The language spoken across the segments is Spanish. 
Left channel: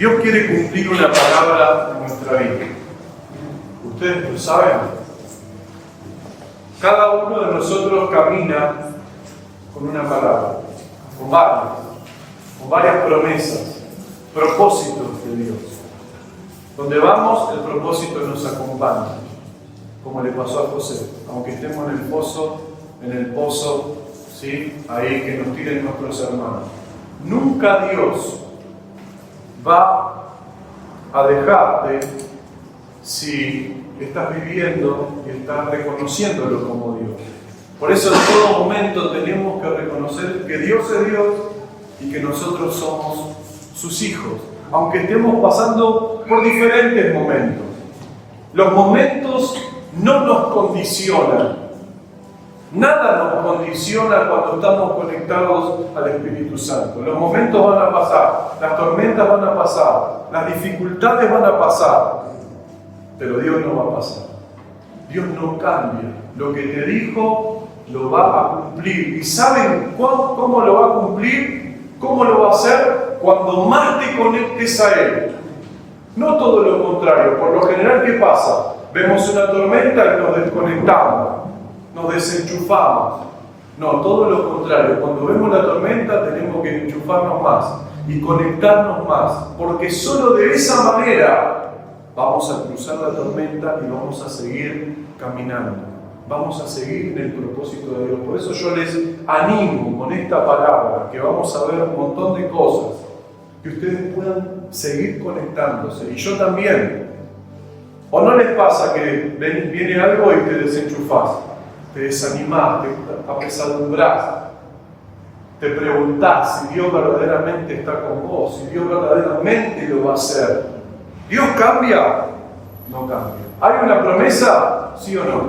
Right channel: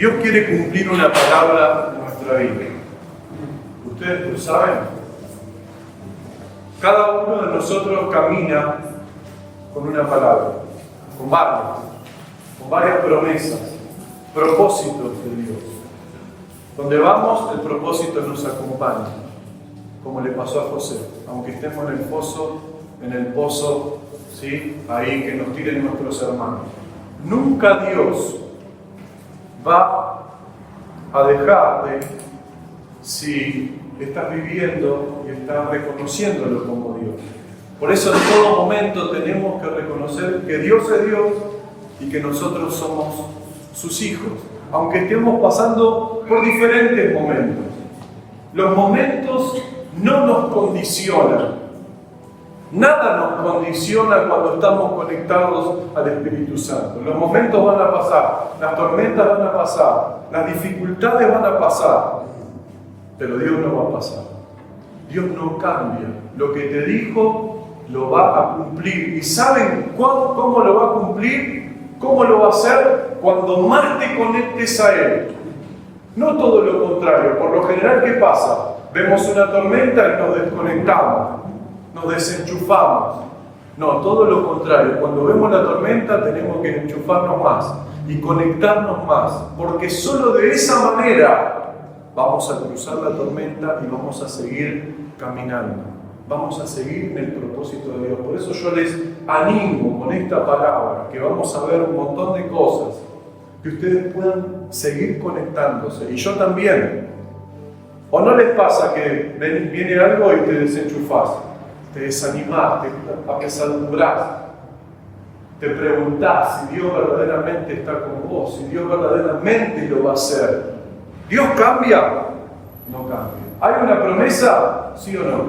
Dios quiere cumplir una palabra en nuestra vida. ¿Ustedes lo saben? Cada uno de nosotros camina con una palabra, con varias promesas, propósitos de Dios. Donde vamos, el propósito nos acompaña, como le pasó a José. Aunque estemos en el pozo, ¿sí? Ahí que nos tiren nuestros hermanos. Nunca Dios va a dejarte si estás viviendo y estás reconociéndolo como Dios. Por eso en todo momento tenemos que reconocer que Dios es Dios y que nosotros somos sus hijos, aunque estemos pasando por diferentes momentos. Los momentos no nos condicionan. Nada nos condiciona cuando estamos conectados al Espíritu Santo. Los momentos van a pasar, las tormentas van a pasar, las dificultades van a pasar, pero Dios no va a pasar. Dios no cambia. Lo que te dijo lo va a cumplir. ¿Y saben cómo lo va a cumplir? ¿Cómo lo va a hacer? Cuando más te conectes a Él. No todo lo contrario. Por lo general, ¿qué pasa? Vemos una tormenta y nos desconectamos. Nos desenchufamos. No, todo lo contrario. Cuando vemos la tormenta tenemos que enchufarnos más y conectarnos más, porque solo de esa manera vamos a cruzar la tormenta y vamos a seguir caminando. Vamos a seguir en el propósito de Dios. Por eso yo les animo con esta palabra, que vamos a ver un montón de cosas, que ustedes puedan seguir conectándose. Y yo también. ¿O no les pasa que viene algo y te desenchufás? Te desanimás, te apesadumbrás, te preguntás si Dios verdaderamente está con vos, si Dios verdaderamente lo va a hacer. ¿Dios cambia? No cambia. ¿Hay una promesa? ¿Sí o no?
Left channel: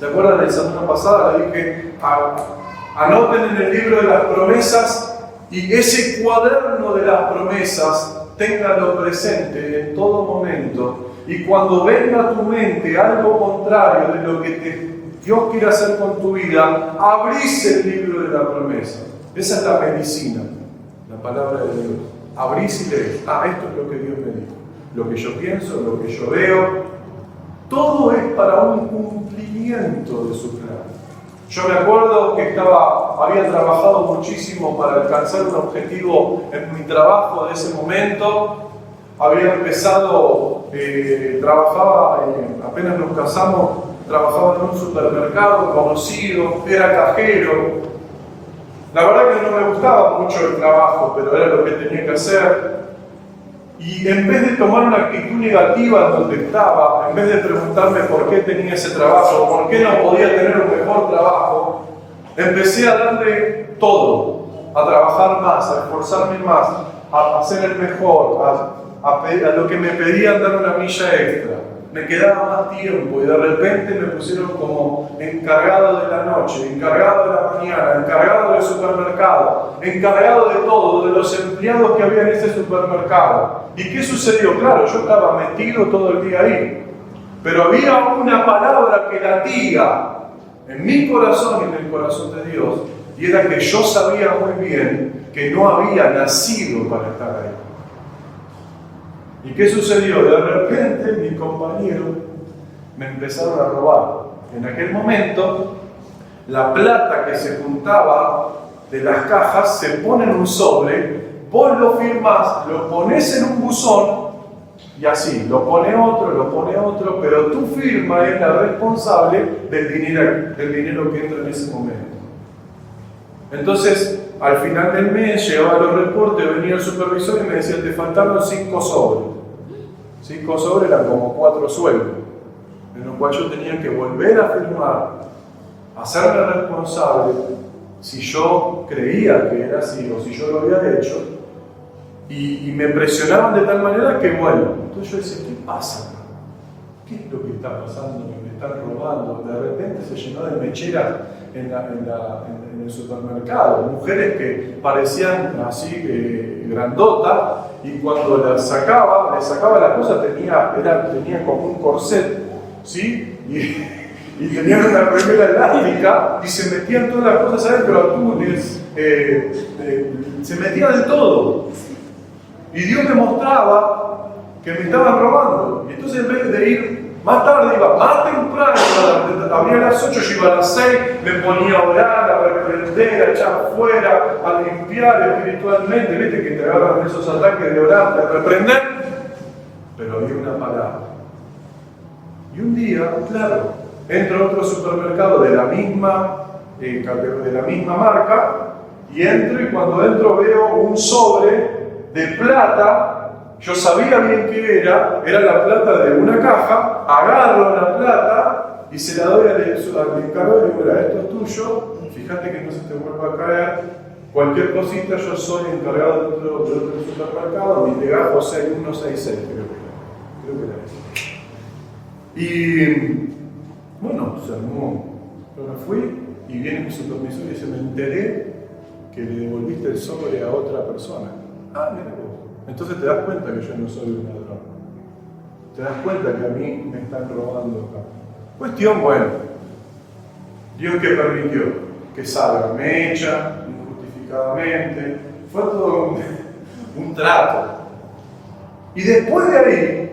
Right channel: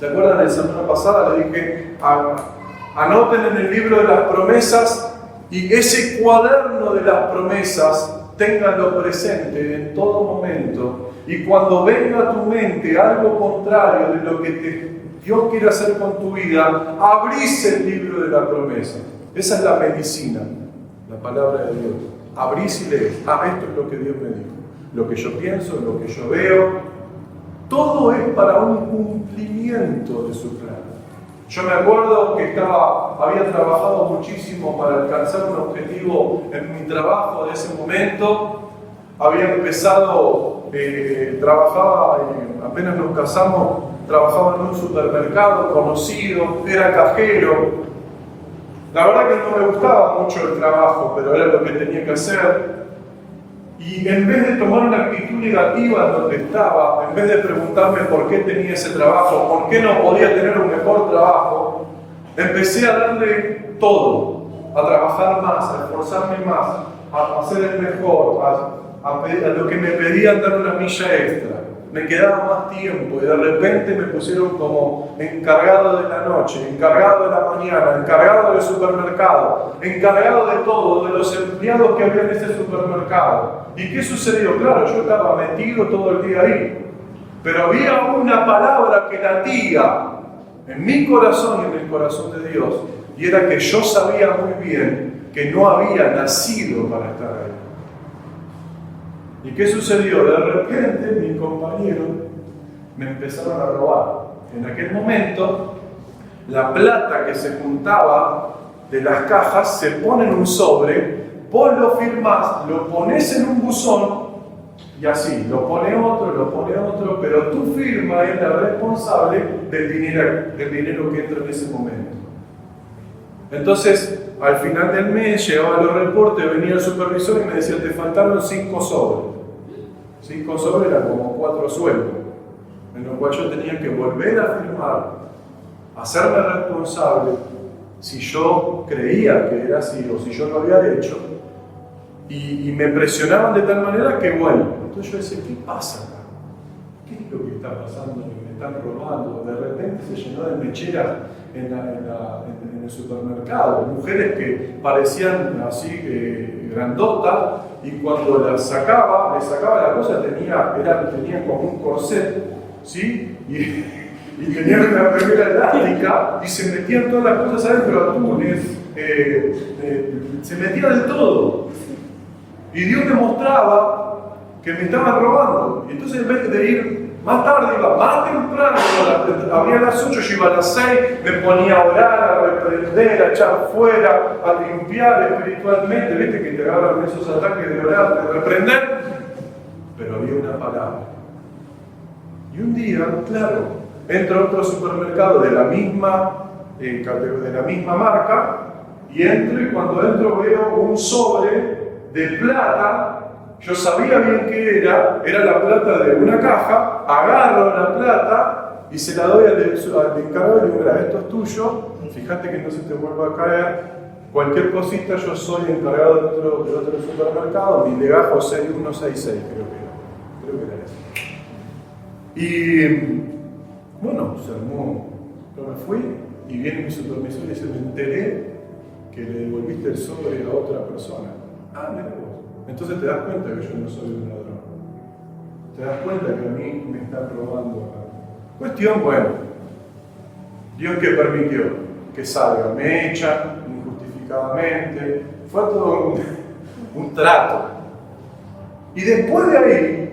¿Se acuerdan de la semana pasada? Le dije, anoten en el libro de las promesas y ese cuaderno de las promesas, ténganlo presente en todo momento. Y cuando venga a tu mente algo contrario de lo que Dios quiere hacer con tu vida, abrís el libro de la promesa. Esa es la medicina, la palabra de Dios. Abrís y lees. Esto es lo que Dios me dijo. Lo que yo pienso, lo que yo veo. Todo es para un cumplimiento de su plan. Yo me acuerdo que había trabajado muchísimo para alcanzar un objetivo en mi trabajo de ese momento. Había empezado, trabajaba, apenas nos casamos, trabajaba en un supermercado conocido, era cajero. La verdad que no me gustaba mucho el trabajo, pero era lo que tenía que hacer. Y en vez de tomar una actitud negativa en donde estaba, en vez de preguntarme por qué tenía ese trabajo, por qué no podía tener un mejor trabajo, empecé a darle todo, a trabajar más, a esforzarme más, a hacer el mejor, a lo que me pedían dar una milla extra. Me quedaba más tiempo y de repente me pusieron como encargado de la noche, encargado de la mañana, encargado del supermercado, encargado de todo, de los empleados que había en ese supermercado. ¿Y qué sucedió? Claro, yo estaba metido todo el día ahí, pero había una palabra que latía en mi corazón y en el corazón de Dios, y era que yo sabía muy bien que no había nacido para estar ahí. ¿Y qué sucedió? De repente mis compañeros me empezaron a robar. En aquel momento, la plata que se juntaba de las cajas se pone en un sobre, vos lo firmás, lo pones en un buzón y así, lo pone otro, pero tu firma es la responsable del dinero que entra en ese momento. Entonces, al final del mes, llegaba los reportes, venía el supervisor y me decía, te faltaron 5 sobres. 5 sobres eran como 4 sueldos, en lo cual yo tenía que volver a firmar, hacerme responsable si yo creía que era así o si yo lo había hecho, y me presionaban de tal manera que, bueno, entonces yo decía, ¿qué pasa acá? ¿Qué es lo que está pasando? Que me están robando. De repente se llenó de mecheras en el supermercado, mujeres que parecían así grandotas, y cuando le sacaba la cosa, tenía como un corset, ¿sí? Y tenían una remera elástica y se metían todas las cosas adentro, atunes, se metían de todo. Y Dios me mostraba que me estaban robando. Y entonces en vez de ir más tarde, iba más temprano, abría a las 8, yo iba a las 6, me ponía a orar, a reprender, a echar fuera, a limpiar espiritualmente. ¿Viste que te agarran esos ataques de orar, de reprender? Pero había una palabra. Y un día, claro, entro a otro supermercado de la misma marca, y entro, y cuando entro veo un sobre de plata. Yo sabía bien qué era la plata de una caja, agarro la plata y se la doy al encargado y digo, mira, esto es tuyo, fíjate que no se te vuelva a caer, cualquier cosita, yo soy encargado de otro supermercado, mi legajo 6166, creo que era eso. Y bueno, se armó, yo me fui y viene mi supervisor y dice, me enteré que le devolviste el sobre a otra persona. Ah, mira vos. Entonces te das cuenta que yo no soy un ladrón. Te das cuenta que a mí me están robando acá. Cuestión, bueno, Dios que permitió que salga, me echan injustificadamente, fue todo un trato. Y después de ahí,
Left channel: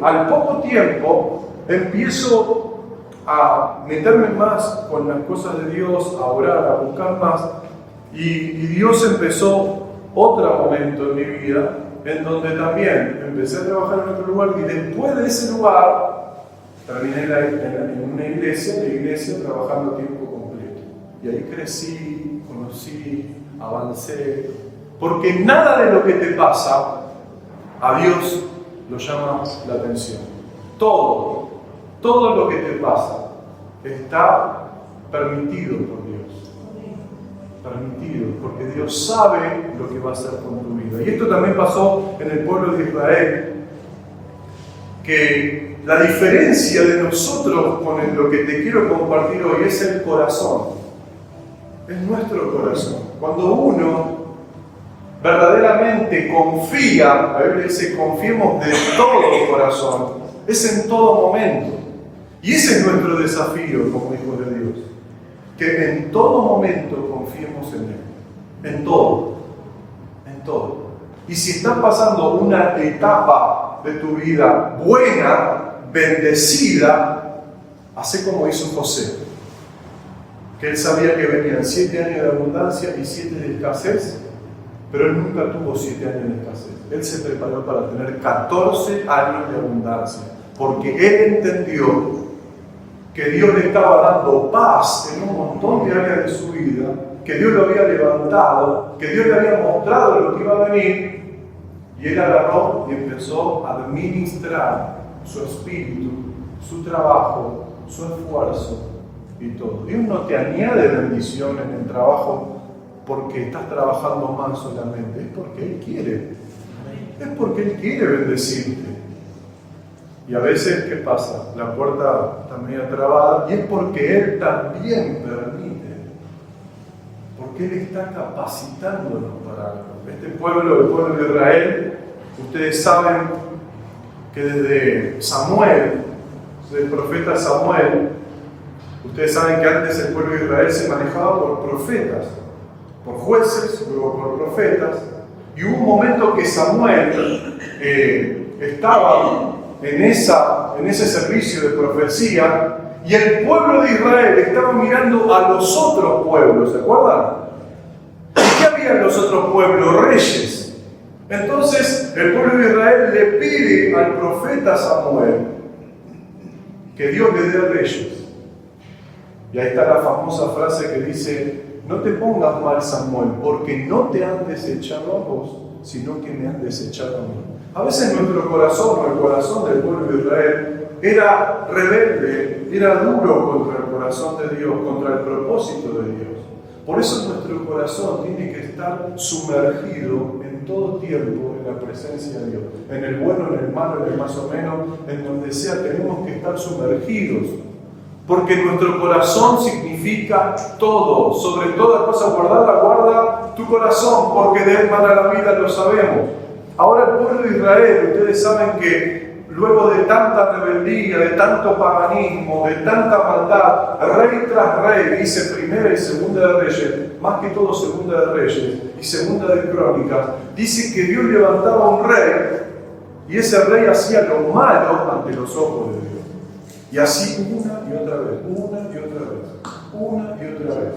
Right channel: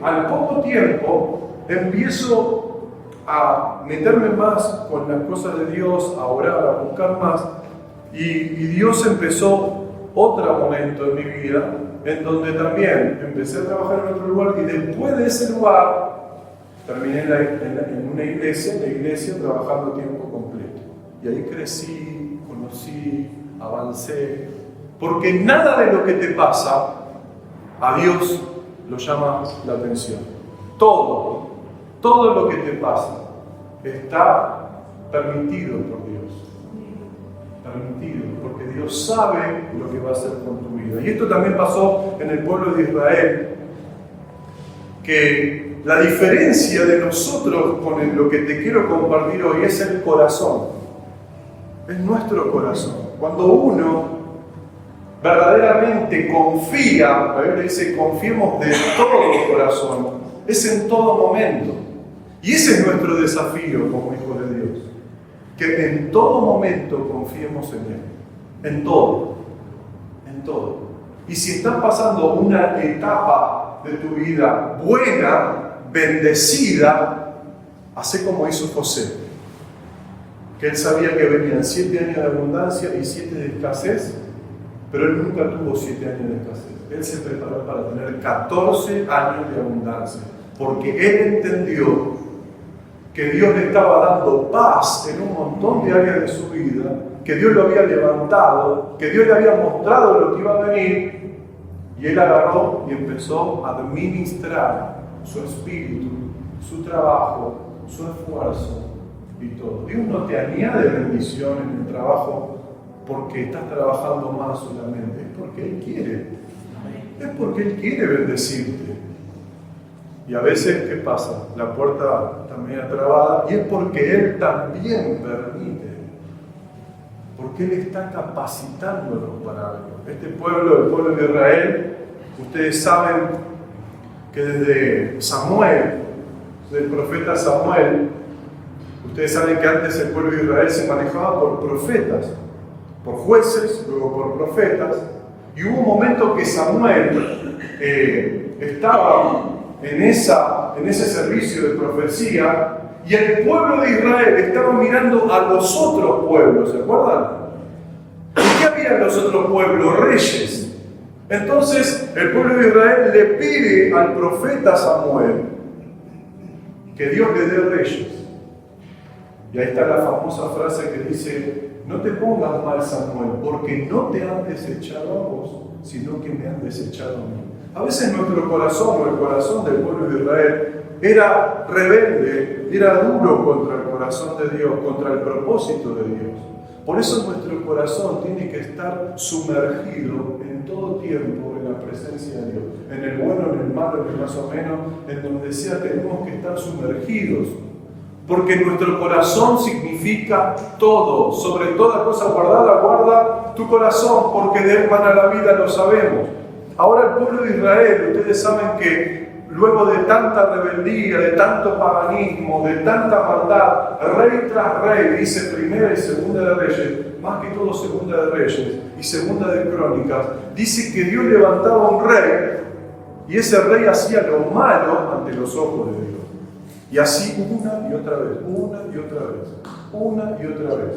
al poco tiempo, empiezo a meterme más con las cosas de Dios, a orar, a buscar más, y Dios empezó otro momento en mi vida en donde también empecé a trabajar en otro lugar y después de ese lugar terminé en una iglesia, la iglesia trabajando a tiempo completo. Y ahí crecí, conocí, avancé, porque nada de lo que te pasa a Dios lo llama la atención. Todo lo que te pasa está permitido por Dios. Permitido, porque Dios sabe lo que va a hacer con tu vida. Y esto también pasó en el pueblo de Israel, que la diferencia de nosotros con lo que te quiero compartir hoy es el corazón. Es nuestro corazón. Cuando uno verdaderamente confía, la Biblia dice, confiemos de todo corazón, es en todo momento. Y ese es nuestro desafío como hijos de Dios. Que en todo momento confiemos en Él, en todo. Y si estás pasando una etapa de tu vida buena, bendecida, hacé como hizo José, que él sabía que venían 7 años de abundancia y 7 de escasez, pero él nunca tuvo 7 años de escasez. Él se preparó para tener 14 años de abundancia, porque él entendió que Dios le estaba dando paz en un montón de áreas de su vida, que Dios lo había levantado, que Dios le había mostrado lo que iba a venir, y él agarró y empezó a administrar su espíritu, su trabajo, su esfuerzo y todo. Dios no te añade bendición en el trabajo porque estás trabajando más solamente, es porque Él quiere. Es porque Él quiere bendecirte. Y a veces, ¿qué pasa? La puerta está medio trabada y es porque Él también permite. Porque Él está capacitándonos para algo. Este pueblo, el pueblo de Israel, ustedes saben que desde Samuel, del profeta Samuel, ustedes saben que antes el pueblo de Israel se manejaba por profetas, por jueces, luego por profetas, y hubo un momento que Samuel estaba en ese servicio de profecía, y el pueblo de Israel estaba mirando a los otros pueblos, ¿se acuerdan? ¿Y qué había en los otros pueblos? Reyes. Entonces el pueblo de Israel le pide al profeta Samuel que Dios le dé reyes. Y ahí está la famosa frase que dice: no te pongas mal, Samuel, porque no te han desechado a vos, sino que me han desechado a mí. A veces nuestro corazón, o el corazón del pueblo de Israel, era rebelde, era duro contra el corazón de Dios, contra el propósito de Dios. Por eso nuestro corazón tiene que estar sumergido en todo tiempo en la presencia de Dios. En el bueno, en el malo, en el más o menos, en donde sea, tenemos que estar sumergidos. Porque nuestro corazón significa todo. Sobre toda cosa guardada, guarda tu corazón, porque de él mana la vida, lo sabemos. Ahora el pueblo de Israel, ustedes saben que luego de tanta rebeldía, de tanto paganismo, de tanta maldad, rey tras rey, dice Primera y Segunda de Reyes, más que todo Segunda de Reyes y Segunda de Crónicas, dice que Dios levantaba un rey y ese rey hacía lo malo ante los ojos de Dios. Y así una y otra vez, una y otra vez, una y otra vez.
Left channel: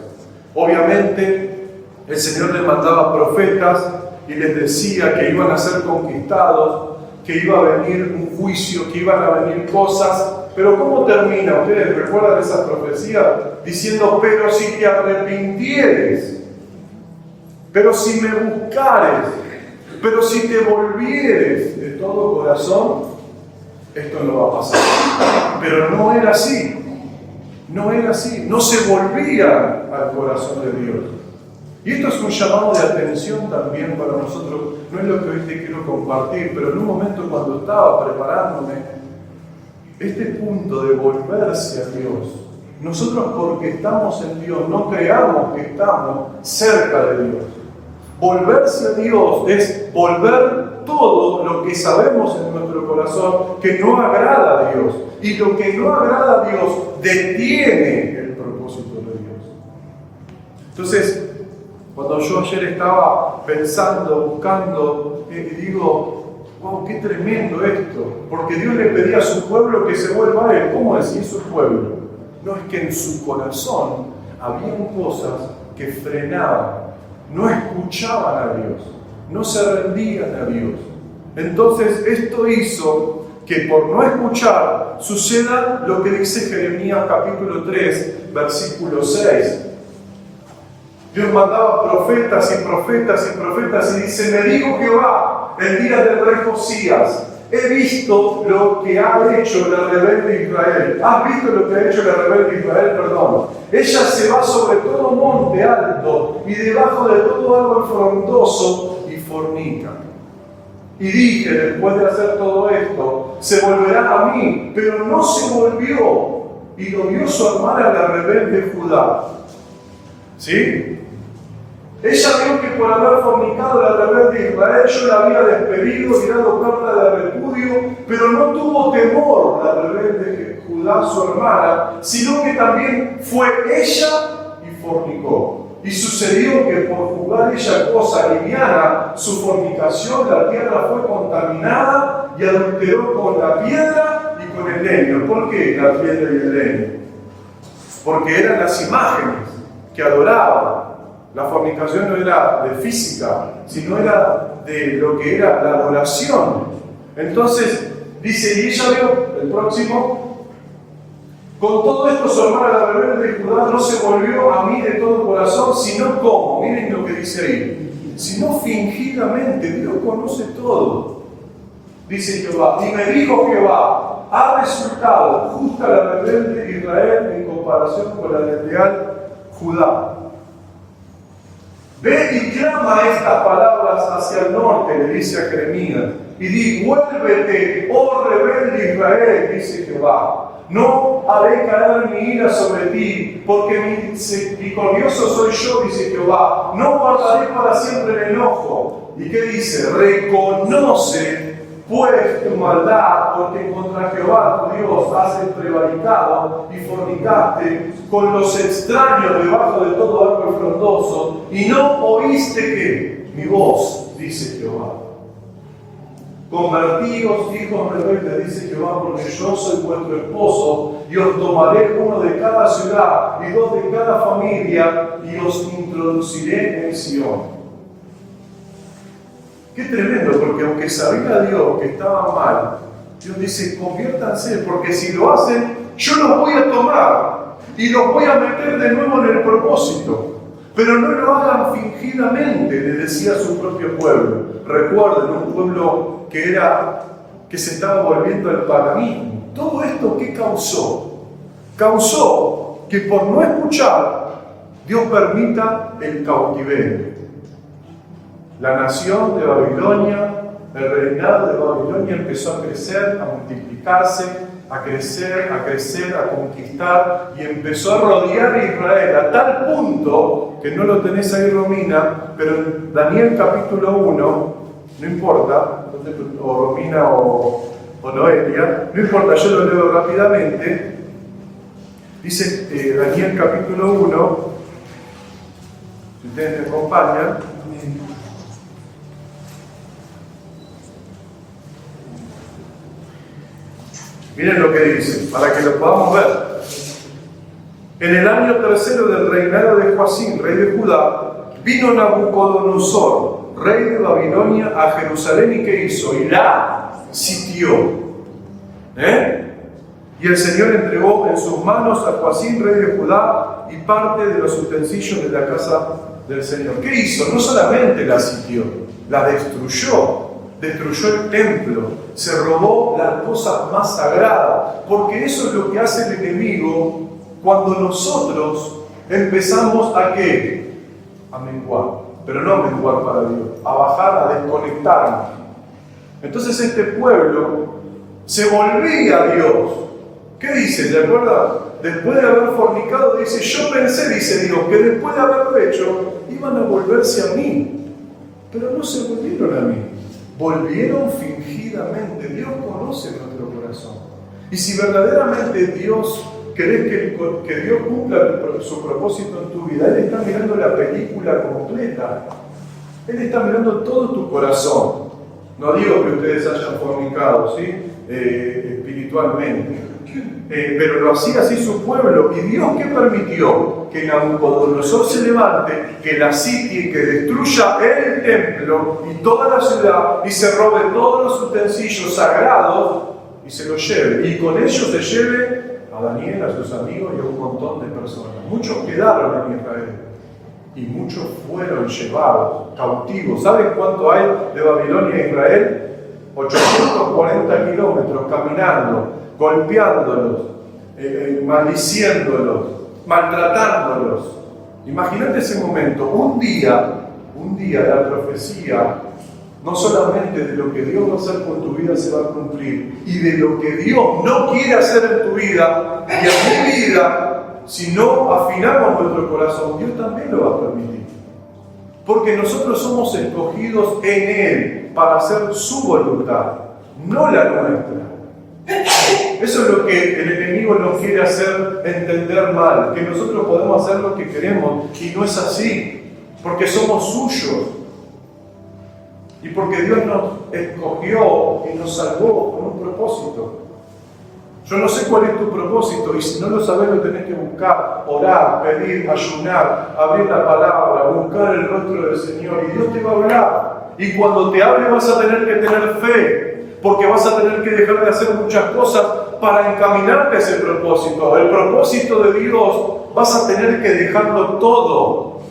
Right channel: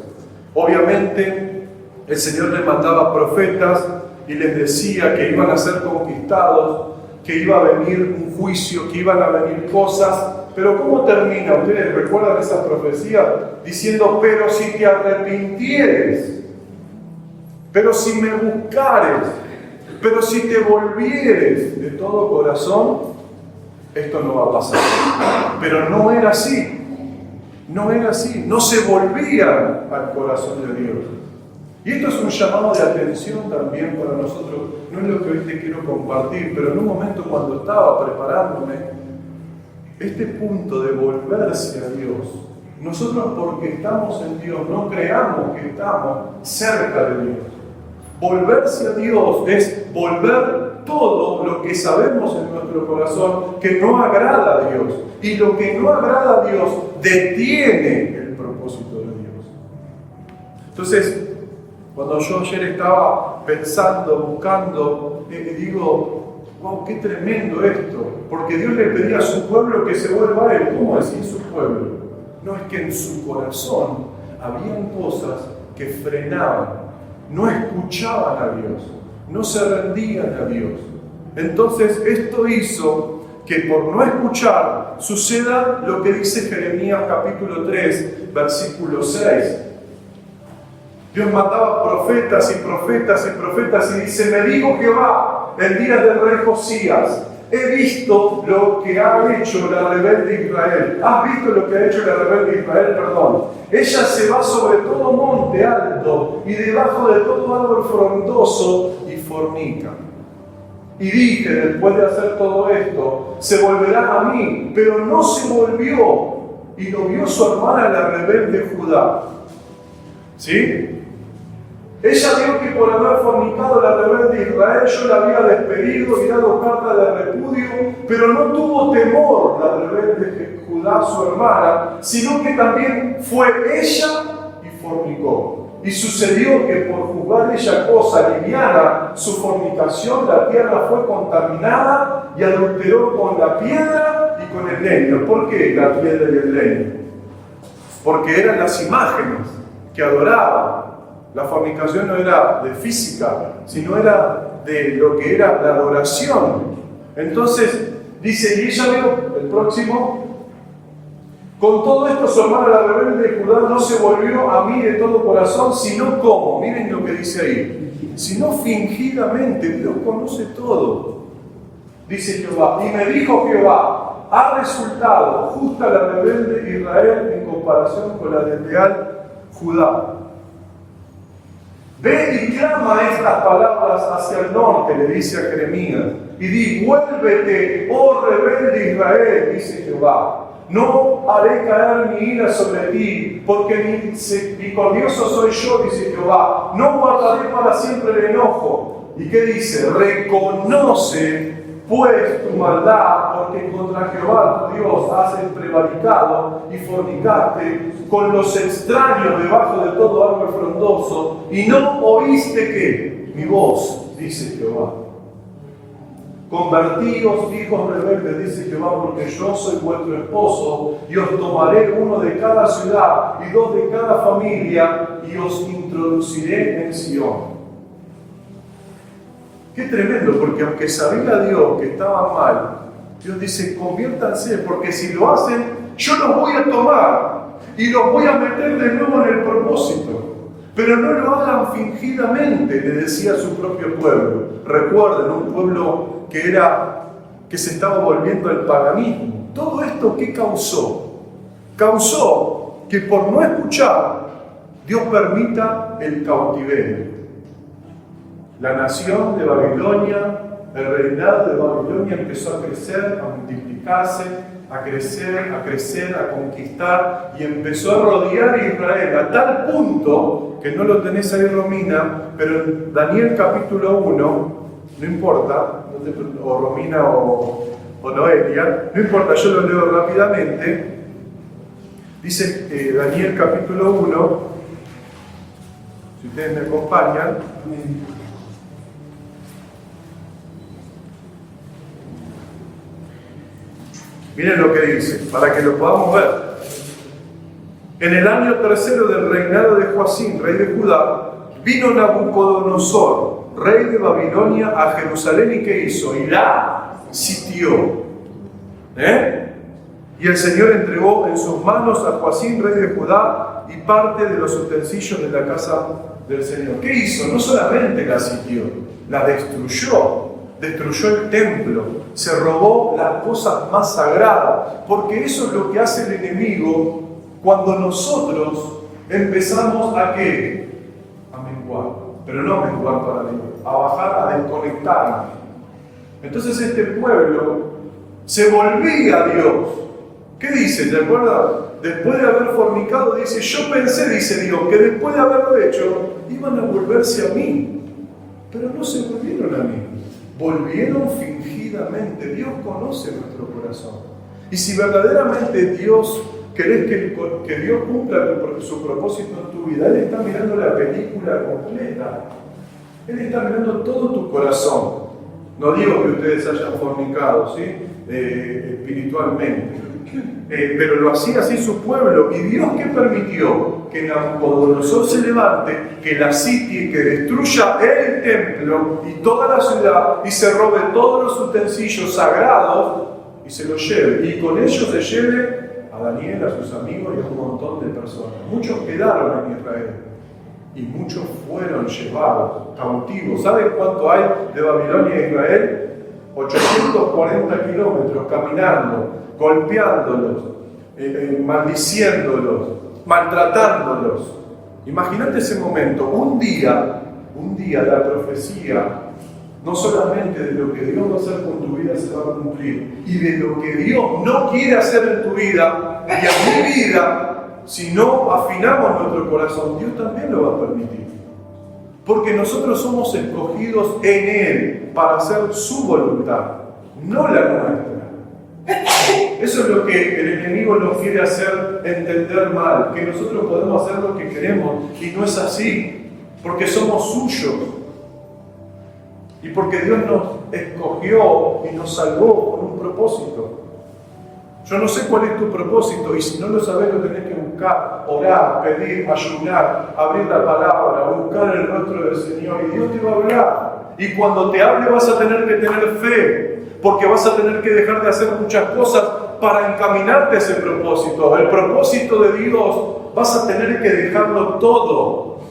Obviamente el Señor les mandaba profetas y les decía que iban a ser conquistados, que iba a venir un juicio, que iban a venir cosas. Pero ¿cómo termina? ¿Ustedes recuerdan esa profecía? Diciendo, pero si te arrepintieres, pero si me buscares, pero si te volvieres de todo corazón, esto no va a pasar. Pero no era así. No era así. No se volvían al corazón de Dios. Y esto es un llamado de atención también para nosotros. No es lo que hoy te quiero compartir, pero en un momento cuando estaba preparándome, este punto de volverse a Dios, nosotros porque estamos en Dios, no creamos que estamos cerca de Dios. Volverse a Dios es volver todo lo que sabemos en nuestro corazón que no agrada a Dios. Y lo que no agrada a Dios detiene el propósito de Dios. Entonces, cuando yo ayer estaba pensando, buscando, digo, wow, qué tremendo esto. Porque Dios le pedía a su pueblo que se vuelva a Él. ¿Cómo decir su pueblo? No, es que en su corazón habían cosas que frenaban. No escuchaban a Dios, no se rendían a Dios. Entonces esto hizo que por no escuchar suceda lo que dice Jeremías capítulo 3, versículo 6. Dios mandaba profetas y profetas y profetas y dice, me dijo Jehová el día del rey Josías, he visto lo que ha hecho la rebelde Israel. ¿Has visto lo que ha hecho la rebelde Israel? Perdón. Ella se va sobre todo monte alto y debajo de todo árbol frondoso y fornica. Y dije, después de hacer todo esto, se volverá a mí, pero no se volvió. Y lo vio su hermana la rebelde Judá. ¿Sí? Ella vio que por haber fornicado la rebelde Israel, yo la había despedido y dado carta de repudio, pero no tuvo temor la rebelde Judá, su hermana, sino que también fue ella y fornicó. Y sucedió que por jugar ella cosa liviana, su fornicación, la tierra fue contaminada y adulteró con la piedra y con el leño. ¿Por qué la piedra y el leño? Porque eran las imágenes que adoraban. La fornicación no era de física, sino era de lo que era la adoración. Entonces, dice, y ella vio, el próximo, con todo esto su hermana la rebelde de Judá no se volvió a mí de todo corazón, sino como, miren lo que dice ahí, sino fingidamente. Dios conoce todo. Dice Jehová, y me dijo Jehová, ha resultado justa la rebelde Israel en comparación con la de leal Judá. Ve y clama estas palabras hacia el norte, le dice a Jeremías, y di, vuélvete, oh rebelde Israel, dice Jehová. No haré caer mi ira sobre ti, porque misericordioso soy yo, dice Jehová. No guardaré para siempre el enojo. ¿Y qué dice? Reconoce pues tu maldad, porque contra Jehová tu Dios has prevaricado y fornicaste con los extraños debajo de todo árbol frondoso, y no oíste que mi voz, dice Jehová. Convertíos, hijos rebeldes, dice Jehová, porque yo soy vuestro esposo, y os tomaré uno de cada ciudad y dos de cada familia, y os introduciré en Sión. Qué tremendo, porque aunque sabía Dios que estaban mal, Dios dice, conviértanse, porque si lo hacen, yo los voy a tomar y los voy a meter de nuevo en el propósito. Pero no lo hagan fingidamente, le decía a su propio pueblo. Recuerden, un pueblo que se estaba volviendo al paganismo. Todo esto, ¿qué causó? Causó que por no escuchar, Dios permita el cautiverio. La nación de Babilonia, el reinado de Babilonia empezó a crecer, a multiplicarse, a crecer, a conquistar, y empezó a rodear a Israel a tal punto, que no lo tenés ahí, Romina, pero en Daniel capítulo 1, no importa, o Romina o o Noelia, no importa, yo lo leo rápidamente. Dice Daniel capítulo 1, si ustedes me acompañan. Miren lo que dice, para que lo podamos ver. En el año tercero del reinado de Joacín, rey de Judá, vino Nabucodonosor, rey de Babilonia, a Jerusalén, y ¿qué hizo? Y la sitió. Y el Señor entregó en sus manos a Joacín, rey de Judá, y parte de los utensilios de la casa del Señor. ¿Qué hizo? No solamente la sitió, la destruyó. Destruyó el templo, se robó las cosas más sagradas, porque eso es lo que hace el enemigo cuando nosotros empezamos a ¿qué? A menguar, pero no a menguar para Dios, a bajar, a desconectarnos. Entonces este pueblo se volvía a Dios. ¿Qué dice? ¿Se acuerdan? Después de haber fornicado, dice, yo pensé, dice Dios, que después de haberlo hecho, iban a volverse a mí, pero no se volvieron a mí. Volvieron fingidamente. Dios conoce nuestro corazón. Y si verdaderamente Dios querés que Dios cumpla su propósito en tu vida, Él está mirando la película completa. Él está mirando todo tu corazón. No digo que ustedes hayan fornicado, ¿sí? Espiritualmente. Pero lo hacía así su pueblo. ¿Y Dios qué permitió? Que Nabucodonosor se levante, que la sitie, que destruya el templo y toda la ciudad, y se robe todos los utensilios sagrados y se los lleve. Y con ellos se lleve a Daniel, a sus amigos y a un montón de personas. Muchos quedaron en Israel y muchos fueron llevados cautivos. ¿Saben cuánto hay de Babilonia a Israel? 840 kilómetros caminando, golpeándolos, maldiciéndolos, maltratándolos. Imagínate ese momento. Un día la profecía, no solamente de lo que Dios va a hacer con tu vida se va a cumplir, y de lo que Dios no quiere hacer en tu vida y en mi vida, si no afinamos nuestro corazón, Dios también lo va a permitir. Porque nosotros somos escogidos en Él para hacer su voluntad, no la nuestra. Eso es lo que el enemigo nos quiere hacer entender mal, que nosotros podemos hacer lo que queremos, y no es así, porque somos suyos. Y porque Dios nos escogió y nos salvó con un propósito. Yo no sé cuál es tu propósito, y si no lo sabes lo tenés que buscar, orar, pedir, ayunar, abrir la palabra, buscar el rostro del Señor, y Dios te va a hablar. Y cuando te hable vas a tener que tener fe, porque vas a tener que dejar de hacer muchas cosas para encaminarte a ese propósito. El propósito de Dios vas a tener que dejarlo todo.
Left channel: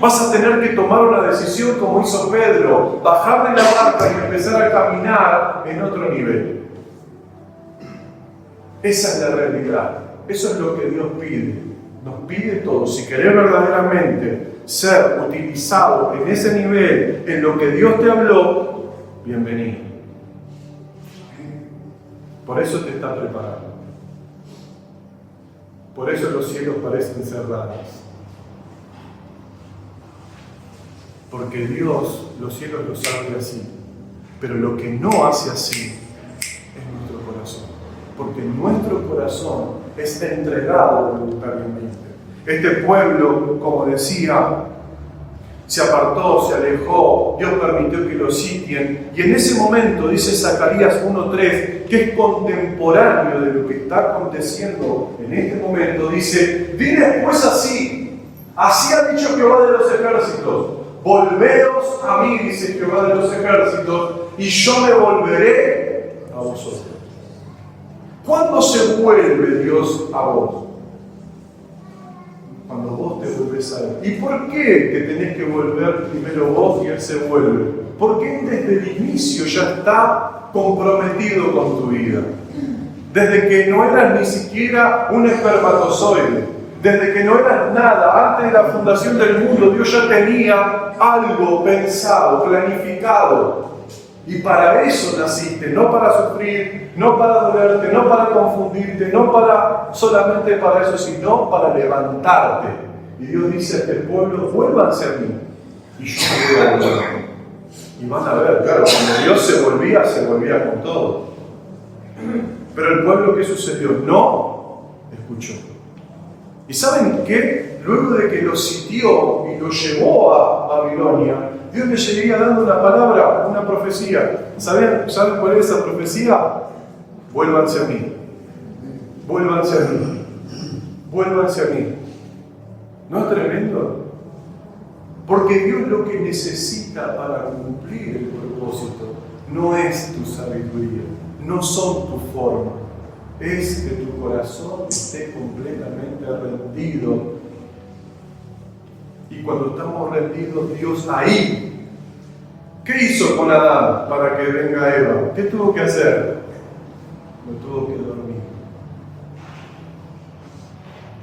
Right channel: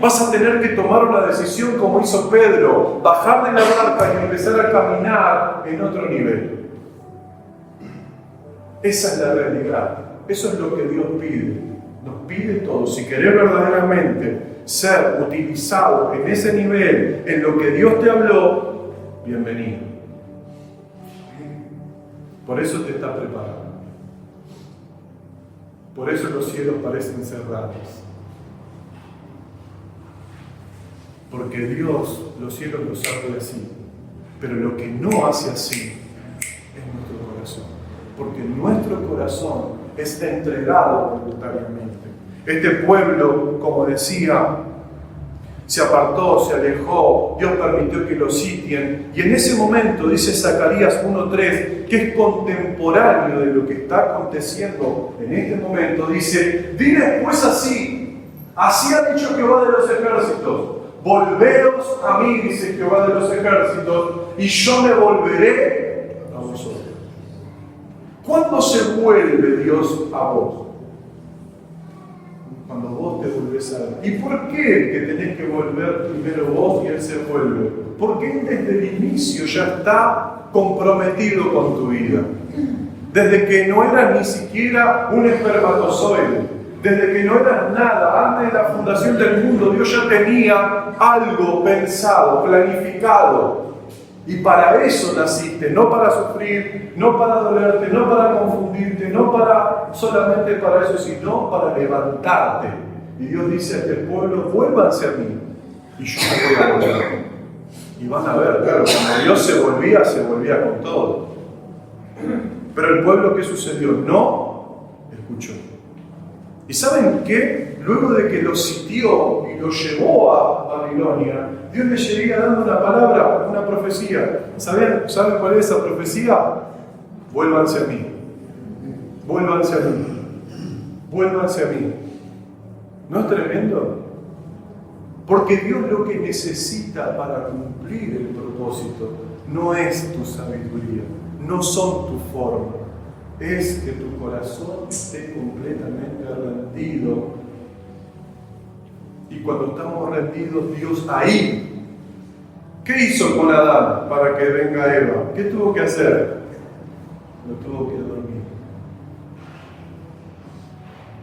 Vas a tener que tomar una decisión como hizo Pedro, bajar de la barca y empezar a caminar en otro nivel. Esa es la realidad. Eso es lo que Dios pide. Nos pide todo. Si querés verdaderamente ser utilizado en ese nivel, en lo que Dios te habló, bienvenido. Por eso te está preparando. Por eso los cielos parecen cerrados. Porque Dios los cielos los abre así. Pero lo que no hace así es nuestro corazón. Porque nuestro corazón está entregado voluntariamente. Este pueblo, como decía, se apartó, se alejó, Dios permitió que lo sitien. Y en ese momento, dice Zacarías 1:3, que es contemporáneo de lo que está aconteciendo en este momento, dice, diles pues así ha dicho Jehová de los ejércitos, volveos a mí, dice Jehová de los ejércitos, y yo me volveré a vosotros. ¿Cuándo se vuelve Dios a vos? Cuando vos te volvés a Él. ¿Y por qué te tenés que volver primero vos y Él se vuelve? Porque Él desde el inicio ya está comprometido con tu vida. Desde que no eras ni siquiera un espermatozoide, desde que no eras nada, antes de la fundación del mundo, Dios ya tenía algo pensado, planificado. Y para eso naciste, no para sufrir, no para dolerte, no para confundirte, no para solamente para eso, sino para levantarte. Y Dios dice a este pueblo, vuélvanse a mí, y yo me voy a volver. Y van a ver, claro, cuando Dios se volvía con todo. Pero el pueblo, ¿qué sucedió? No escuchó. ¿Y saben qué? Luego de que lo sitió y lo llevó a Babilonia, Dios le seguía dando una palabra, una profecía. ¿Saben cuál es esa profecía? Vuélvanse a mí. Vuélvanse a mí. Vuélvanse a mí. ¿No es tremendo? Porque Dios lo que necesita para cumplir el propósito no es tu sabiduría, no son tu forma, es que tu corazón esté completamente rendido. Y cuando estamos rendidos, Dios ahí, ¿qué hizo con Adán para que venga Eva? ¿Qué tuvo que hacer? Lo tuvo que dormir.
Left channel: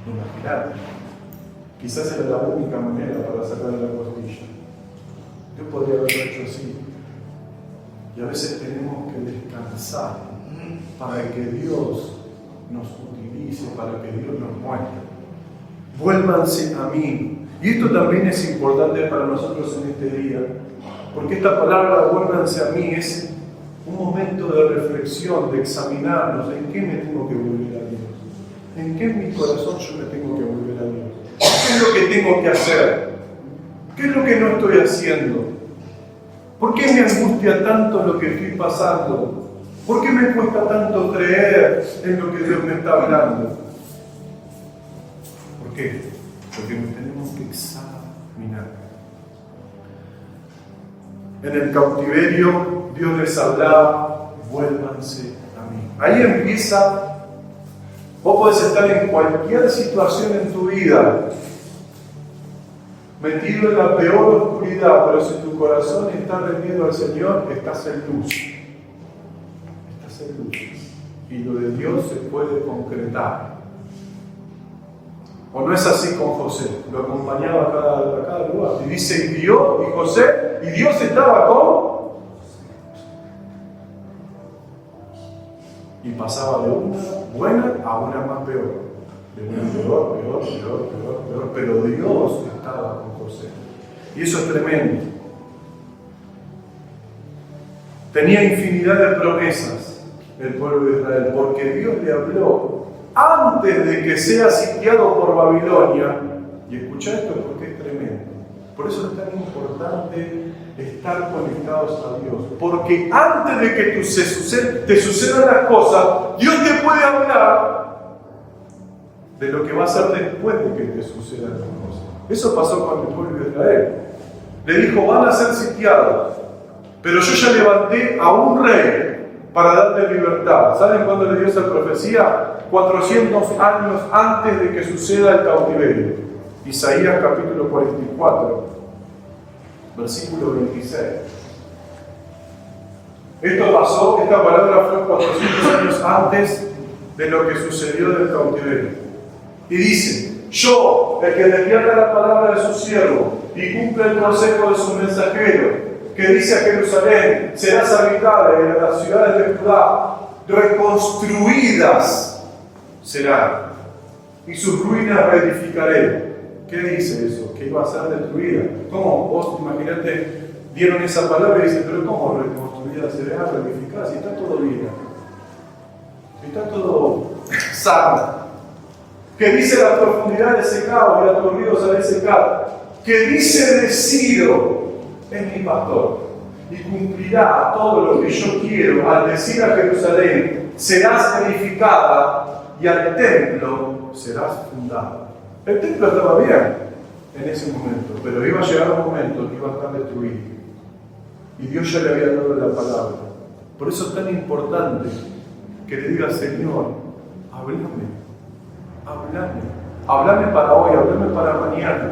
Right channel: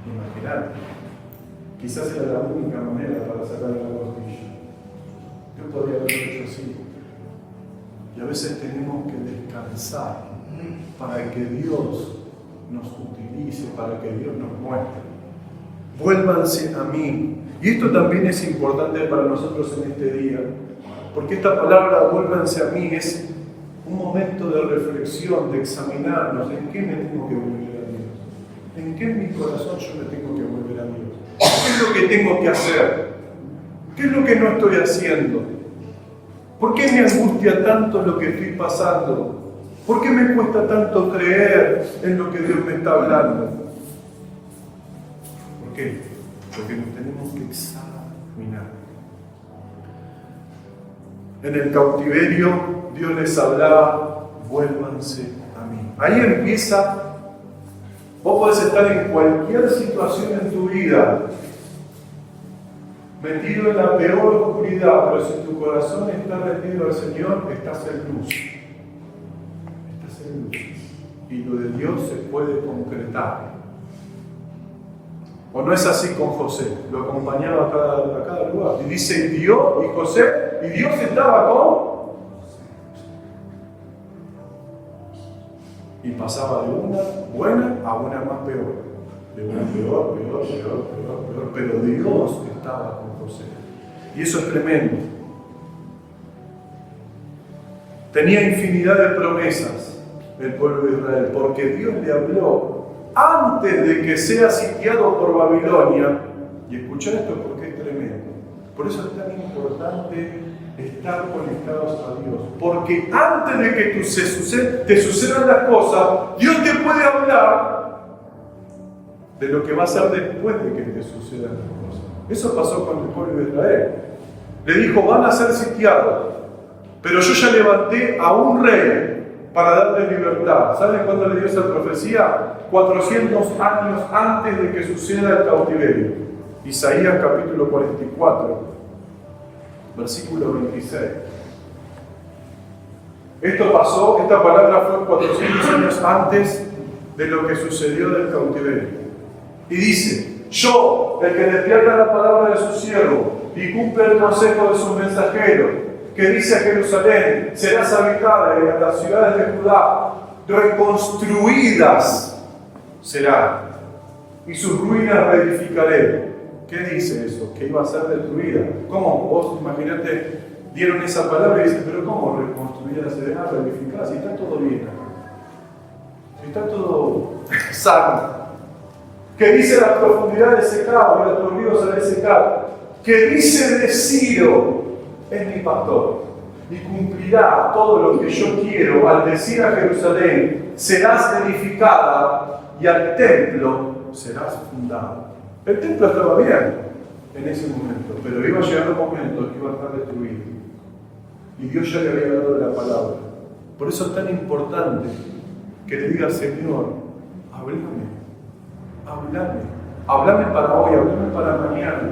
Imagínate. Quizás era la única manera para sacarle la costilla. Yo podría haberlo hecho así. Y a veces tenemos que descansar para que Dios nos utilice, para que Dios nos muestre. Vuélvanse a mí. Y esto también es importante para nosotros en este día, porque esta palabra vuélvanse a mí es un momento de reflexión, de examinarnos en qué me tengo que volver a Dios. ¿En qué en mi corazón yo me tengo que volver a Dios? ¿Qué es lo que tengo que hacer? ¿Qué es lo que no estoy haciendo? ¿Por qué me angustia tanto lo que estoy pasando? ¿Por qué me cuesta tanto creer en lo que Dios me está hablando? ¿Por qué? Porque nos tenemos que examinar. En el cautiverio Dios les hablaba, vuélvanse a mí. Ahí empieza. Vos podés estar en cualquier situación en tu vida, metido en la peor oscuridad, pero si tu corazón está rendido al Señor, estás en luz. Estás en luz. Y lo de Dios se puede concretar. ¿O no es así con José? Lo acompañaba a cada lugar. Y dice, y Dios estaba con... Y pasaba de una buena a una más peor. De una peor, pero Dios estaba con José. Y eso es tremendo. Tenía infinidad de promesas el pueblo de Israel, porque Dios le habló antes de que sea sitiado por Babilonia. Y escucha esto porque es tremendo. Por eso es tan importante estar conectados a Dios. Porque antes de que te sucedan las cosas, Dios te puede hablar de lo que va a ser después de que te sucedan las cosas. Eso pasó con el pueblo de Israel. Le dijo, van a ser sitiados, pero yo ya levanté a un rey para darle libertad. ¿Saben cuándo le dio esa profecía? 400 años antes de que suceda el cautiverio. Isaías capítulo 44, versículo 26. Esto pasó, esta palabra fue 400 años antes de lo que sucedió del cautiverio. Y dice, yo, el que despierta la palabra de su siervo y cumple el consejo de su mensajero, que dice a Jerusalén, serás habitada en las ciudades de Judá, reconstruidas serán, y sus ruinas reedificaré. ¿Qué dice eso? Que iba a ser destruida. ¿Cómo? Vos imaginate, dieron esa palabra y dicen, pero ¿cómo reconstruida será, reedificada? Si está todo bien acá. Si está todo sano. Que dice las profundidades secadas y a tus ríos haré secar. Que dice de Ciro, es mi pastor, y cumplirá todo lo que yo quiero al decir a Jerusalén, serás edificada y al templo serás fundada. El templo estaba bien en ese momento, pero iba a llegar un momento que iba a estar destruido. Y Dios ya le había dado la palabra. Por eso es tan importante que le diga, Señor, háblame para hoy, háblame para mañana,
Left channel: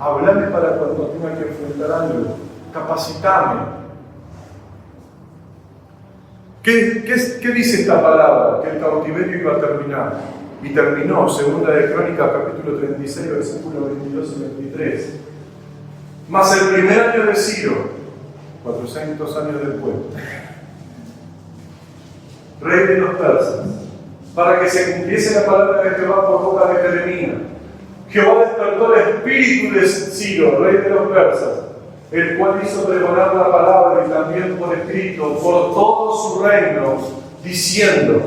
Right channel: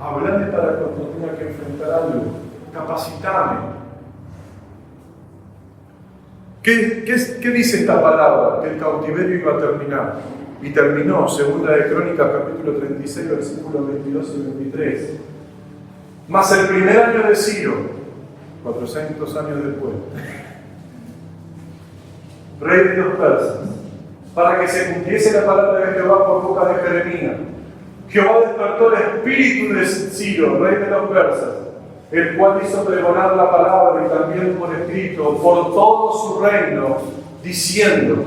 háblame para cuando tenga que enfrentar algo, capacitame. ¿Qué dice esta palabra? Que el cautiverio iba a terminar. Y terminó, segunda de Crónicas, capítulo 36, versículos 22 y 23. Mas el primer año de Ciro, 400 años después, rey de los persas, para que se cumpliese la palabra de Jehová por boca de Jeremías, Jehová despertó el espíritu de Ciro, rey de los persas, el cual hizo pregonar la palabra y también por escrito por todo su reino, diciendo,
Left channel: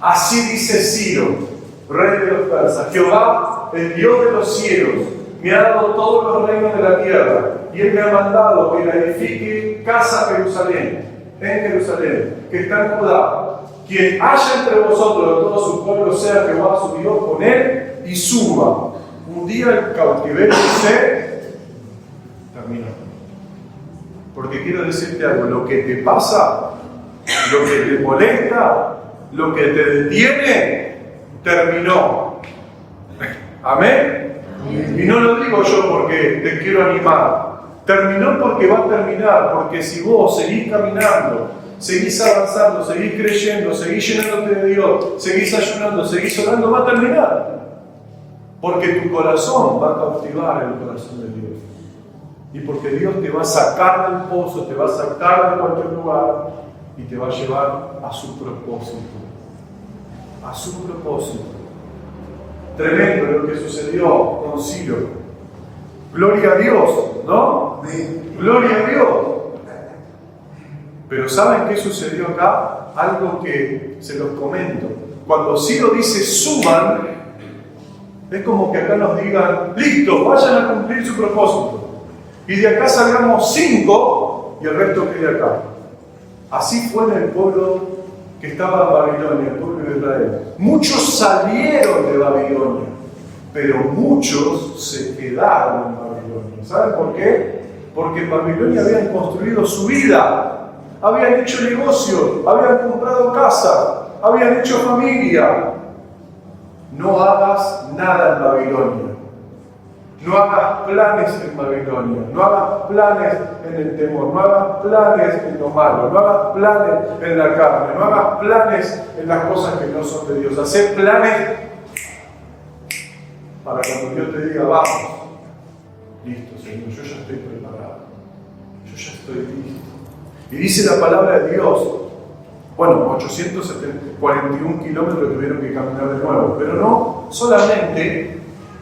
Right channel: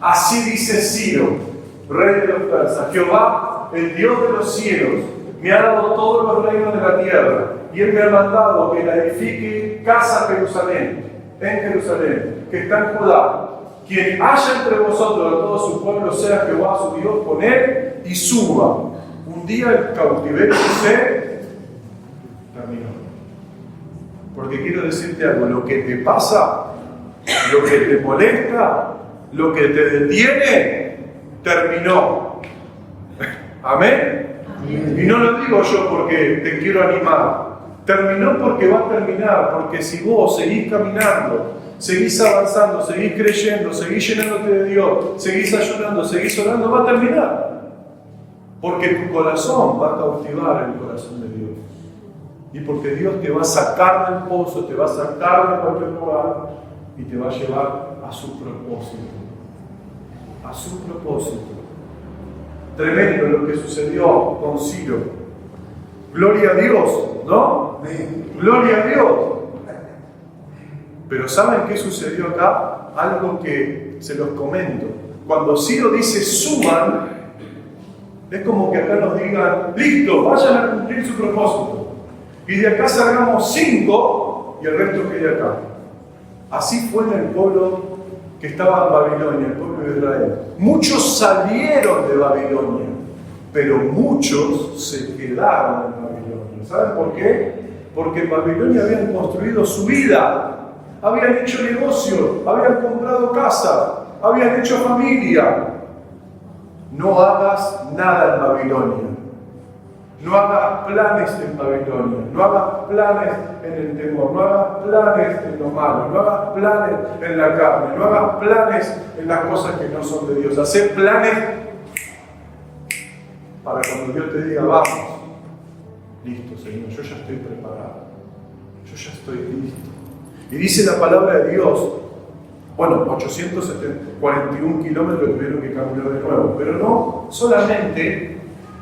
Así dice Ciro, rey de los persas: Jehová, el Dios de los cielos, me ha dado todos los reinos de la tierra, y Él me ha mandado que la edifique casa en Jerusalén, que está en Judá. Quien haya entre vosotros de todo su pueblo, sea Jehová su Dios con él, y suba. Un día el cautiverio se terminó. Porque quiero decirte algo: lo que te pasa, lo que te molesta, lo que te detiene, terminó. ¿Amén? Y no lo digo yo porque te quiero animar. Terminó porque va a terminar, porque si vos seguís caminando, seguís avanzando, seguís creyendo, seguís llenándote de Dios, seguís ayunando, seguís orando, va a terminar. Porque tu corazón va a cautivar el corazón de Dios. Y porque Dios te va a sacar del pozo, te va a sacar de cualquier lugar y te va a llevar a su propósito. A su propósito. Tremendo lo que sucedió con Ciro. Gloria a Dios, ¿no? Gloria a Dios. Pero ¿saben qué sucedió acá? Algo que se los comento. Cuando Ciro dice suban, es como que acá nos digan: listo, vayan a cumplir su propósito. Y de acá salgamos 5 y el resto quede acá. Así fue en el pueblo que estaba en Babilonia, el pueblo de Israel. Muchos salieron de Babilonia, pero muchos se quedaron en Babilonia. ¿Saben por qué? Porque en Babilonia habían construido su vida, habían hecho negocio, habían comprado casa, habían hecho familia. No hagas nada en Babilonia. No hagas planes en Babilonia, no hagas planes en el temor, no hagas planes en lo malo, no hagas planes en la carne, no hagas planes en las cosas que no son de Dios. Hacé planes para cuando Dios te diga: vamos, listo, Señor, yo ya estoy preparado, yo ya estoy listo. Y dice la palabra de Dios, bueno, 841 kilómetros tuvieron que caminar de nuevo, pero no solamente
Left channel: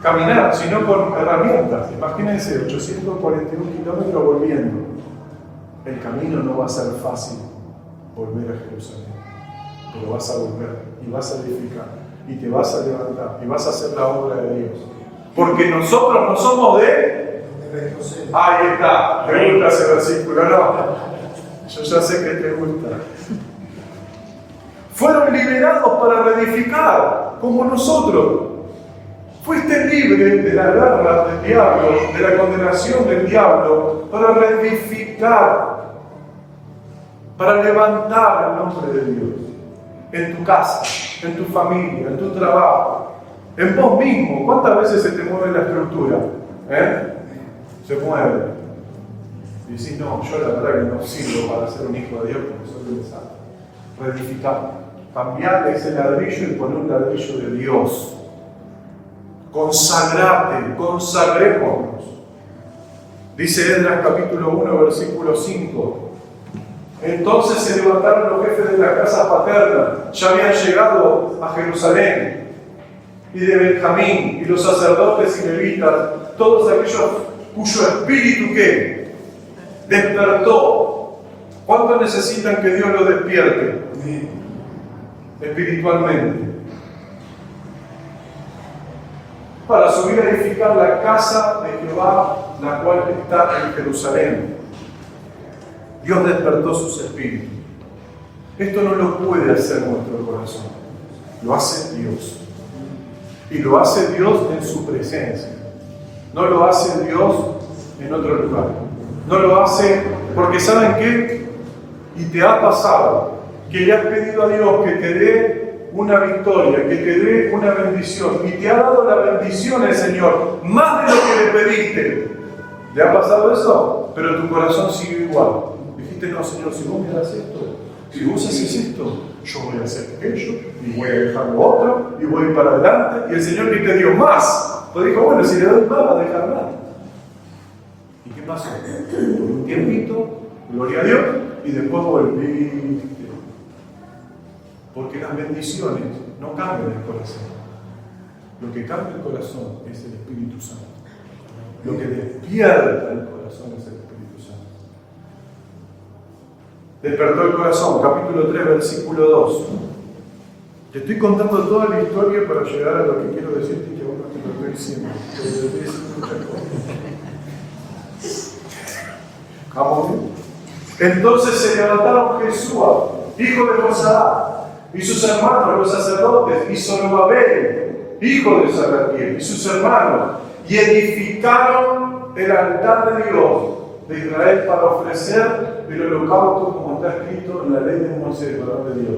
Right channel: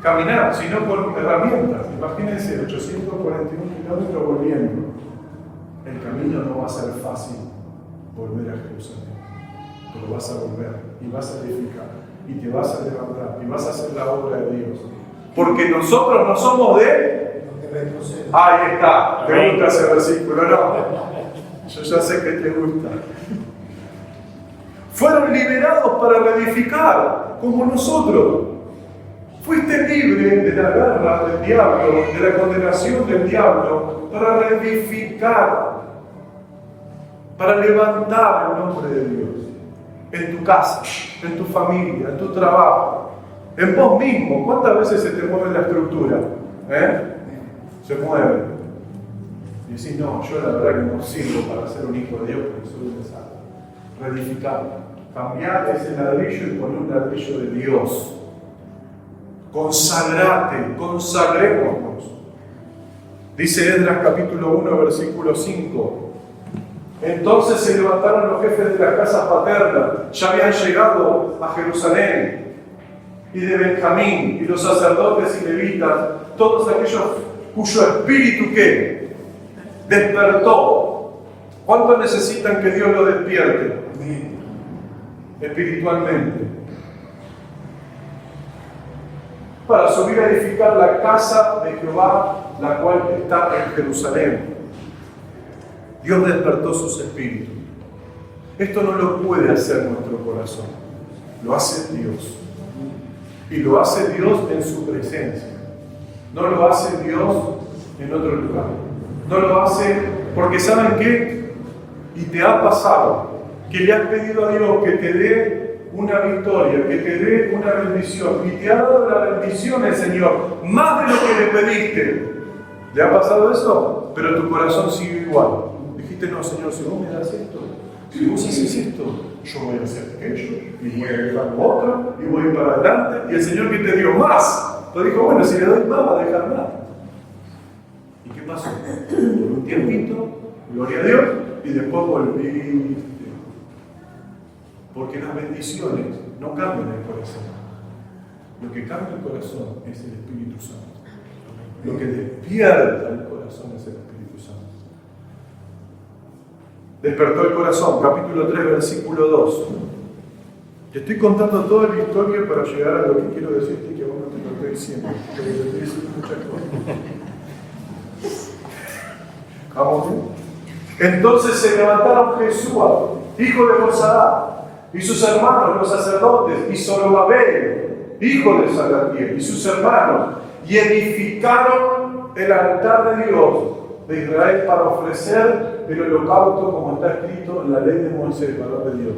caminar, sino con herramientas. Imagínense, 841 kilómetros volviendo. El camino no va a ser fácil volver a Jerusalén, pero vas a volver y vas a edificar y te vas a levantar y vas a hacer la obra de Dios. Porque nosotros no somos de... Ahí está, ¿te gusta ese versículo? No, yo ya sé que te gusta. Fueron liberados para reedificar, como nosotros. Fuiste libre de la guerra del diablo, de la condenación del diablo, para reedificar, para levantar el nombre de Dios en tu casa, en tu familia, en tu trabajo, en vos mismo. ¿Cuántas veces se te mueve la estructura? Se mueve. Y decís: no, yo la verdad que no sirvo para ser un hijo de Dios porque soy un desastre. Reedificar, cambiar ese ladrillo y poner un ladrillo de Dios. Consagrate, consagrémonos. Dice Esdras capítulo 1, versículo 5. Entonces se levantaron los jefes de las casas paternas, ya habían llegado a Jerusalén, y de Benjamín, y los sacerdotes y levitas, todos aquellos cuyo espíritu ¿qué? Despertó. ¿Cuánto necesitan que Dios lo despierte? Espiritualmente. Para subir a edificar la casa de Jehová, la cual está en Jerusalén. Dios despertó sus espíritus. Esto no lo puede hacer nuestro corazón, lo hace Dios. Y lo hace Dios en su presencia. No lo hace Dios en otro lugar. No lo hace porque ¿saben qué? Y te ha pasado que le has pedido a Dios que te dé una victoria, que te dé una bendición, y te ha dado la bendición el Señor, más de lo que le pediste. ¿Le ha pasado eso? Pero tu corazón sigue igual. Dijiste: no, Señor, si vos me das esto, si vos haces esto, yo voy a hacer aquello, y voy a dejar lo otro, y voy a ir para adelante. Y el Señor que te dio más, te dijo: bueno, si le doy más, va a dejar más. ¿Y qué pasó? Por un tiempito, gloria a Dios, y después volviste. Porque las bendiciones no cambian el corazón. Lo que cambia el corazón es el Espíritu Santo. Lo que despierta el corazón es el Espíritu Santo. Despertó el corazón, capítulo 3, versículo 2. Te estoy contando toda la historia para llegar a lo que quiero decirte, que aún no te lo estoy diciendo. Te estoy diciendo muchas cosas. ¿Vamos bien? Entonces se levantaron Jesúa, hijo de Josadá, y sus hermanos, los sacerdotes, y Zorobabel, hijo de Salatiel, y sus hermanos, y edificaron el altar de Dios de Israel para ofrecer el holocausto como está escrito en la ley de Moisés, varón de Dios.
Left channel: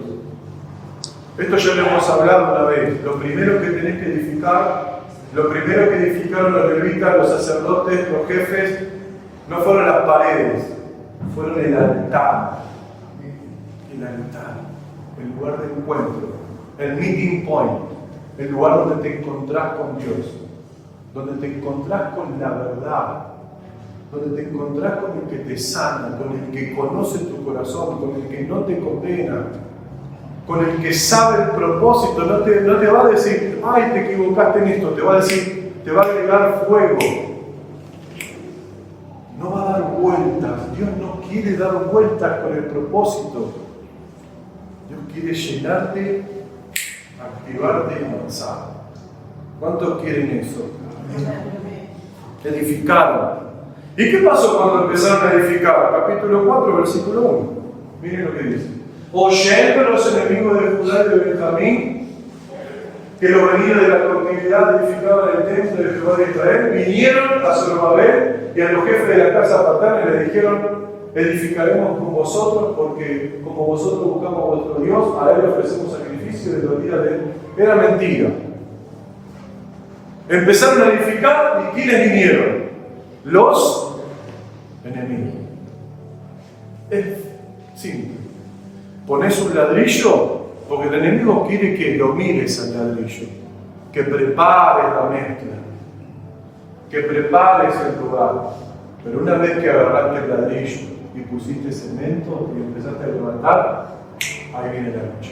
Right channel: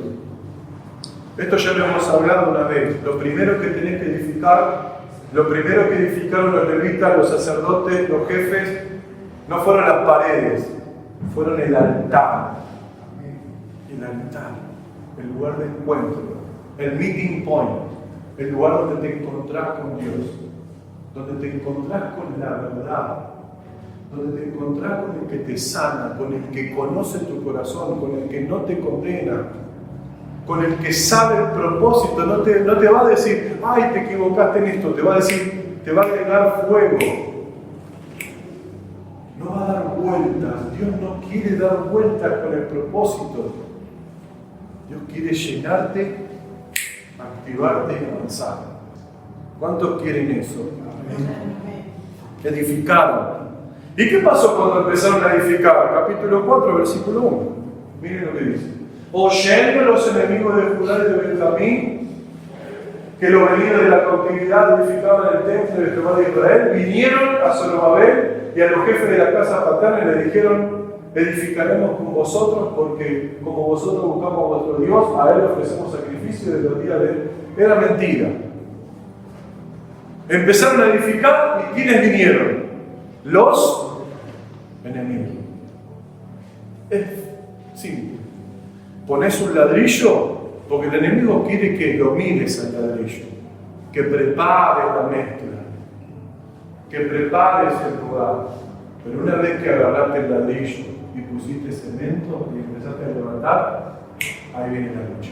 Esto ya lo hemos hablado una vez. Lo primero que tenés que edificar, lo primero que edificaron los levitas, los sacerdotes, los jefes, no fueron las paredes, fueron el altar. El altar, el lugar de encuentro, el meeting point, el lugar donde te encontrás con Dios, donde te encontrás con la verdad, donde te encontrás con el que te sana, con el que conoce tu corazón, con el que no te condena, con el que sabe el propósito. No te va a decir, ay, te equivocaste en esto, te va a decir, te va a agregar fuego. No va a dar vueltas. Dios no quiere dar vueltas con el propósito. Dios quiere llenarte, activarte y avanzar. ¿Cuántos quieren eso? Edificaron. ¿Y qué pasó cuando empezaron a edificar? Capítulo 4, versículo 1. Miren lo que dice. Oyendo los enemigos de Judá y de Benjamín que los venidos de la cautividad edificaban el templo de Jehová de Israel, vinieron a Zorobabel y a los jefes de la casa paterna y le dijeron: edificaremos con vosotros, porque como vosotros buscamos a vuestro Dios, a él ofrecemos sacrificio de los días de él. Era mentira. Empezaron a edificar y ¿quiénes vinieron? Los enemigos. Es simple. Pones un ladrillo porque el enemigo quiere que lo mires al ladrillo, que prepares la mezcla, que prepares el lugar. Pero una vez que agarraste el ladrillo y pusiste cemento y empezaste a levantar, ahí viene la lucha.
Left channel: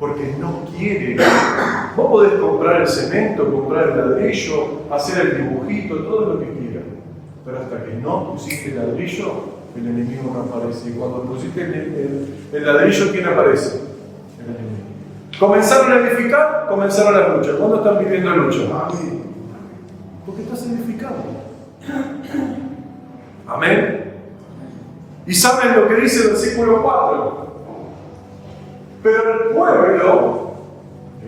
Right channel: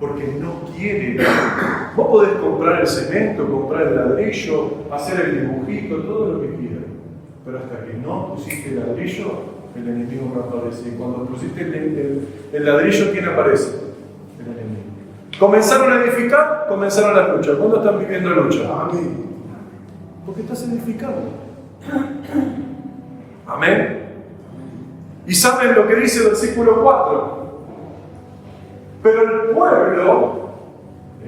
Porque no quiere. Vos podés comprar el cemento, comprar el ladrillo, hacer el dibujito, todo lo que quieras. Pero hasta que no pusiste el ladrillo, el enemigo no aparece. Y cuando pusiste el ladrillo, ¿quién aparece? El enemigo. Comenzaron a edificar, comenzaron las luchas. ¿Cuándo están viviendo lucha? Amén. Porque estás edificando. Amén. ¿Y saben lo que dice el versículo 4? Pero el pueblo,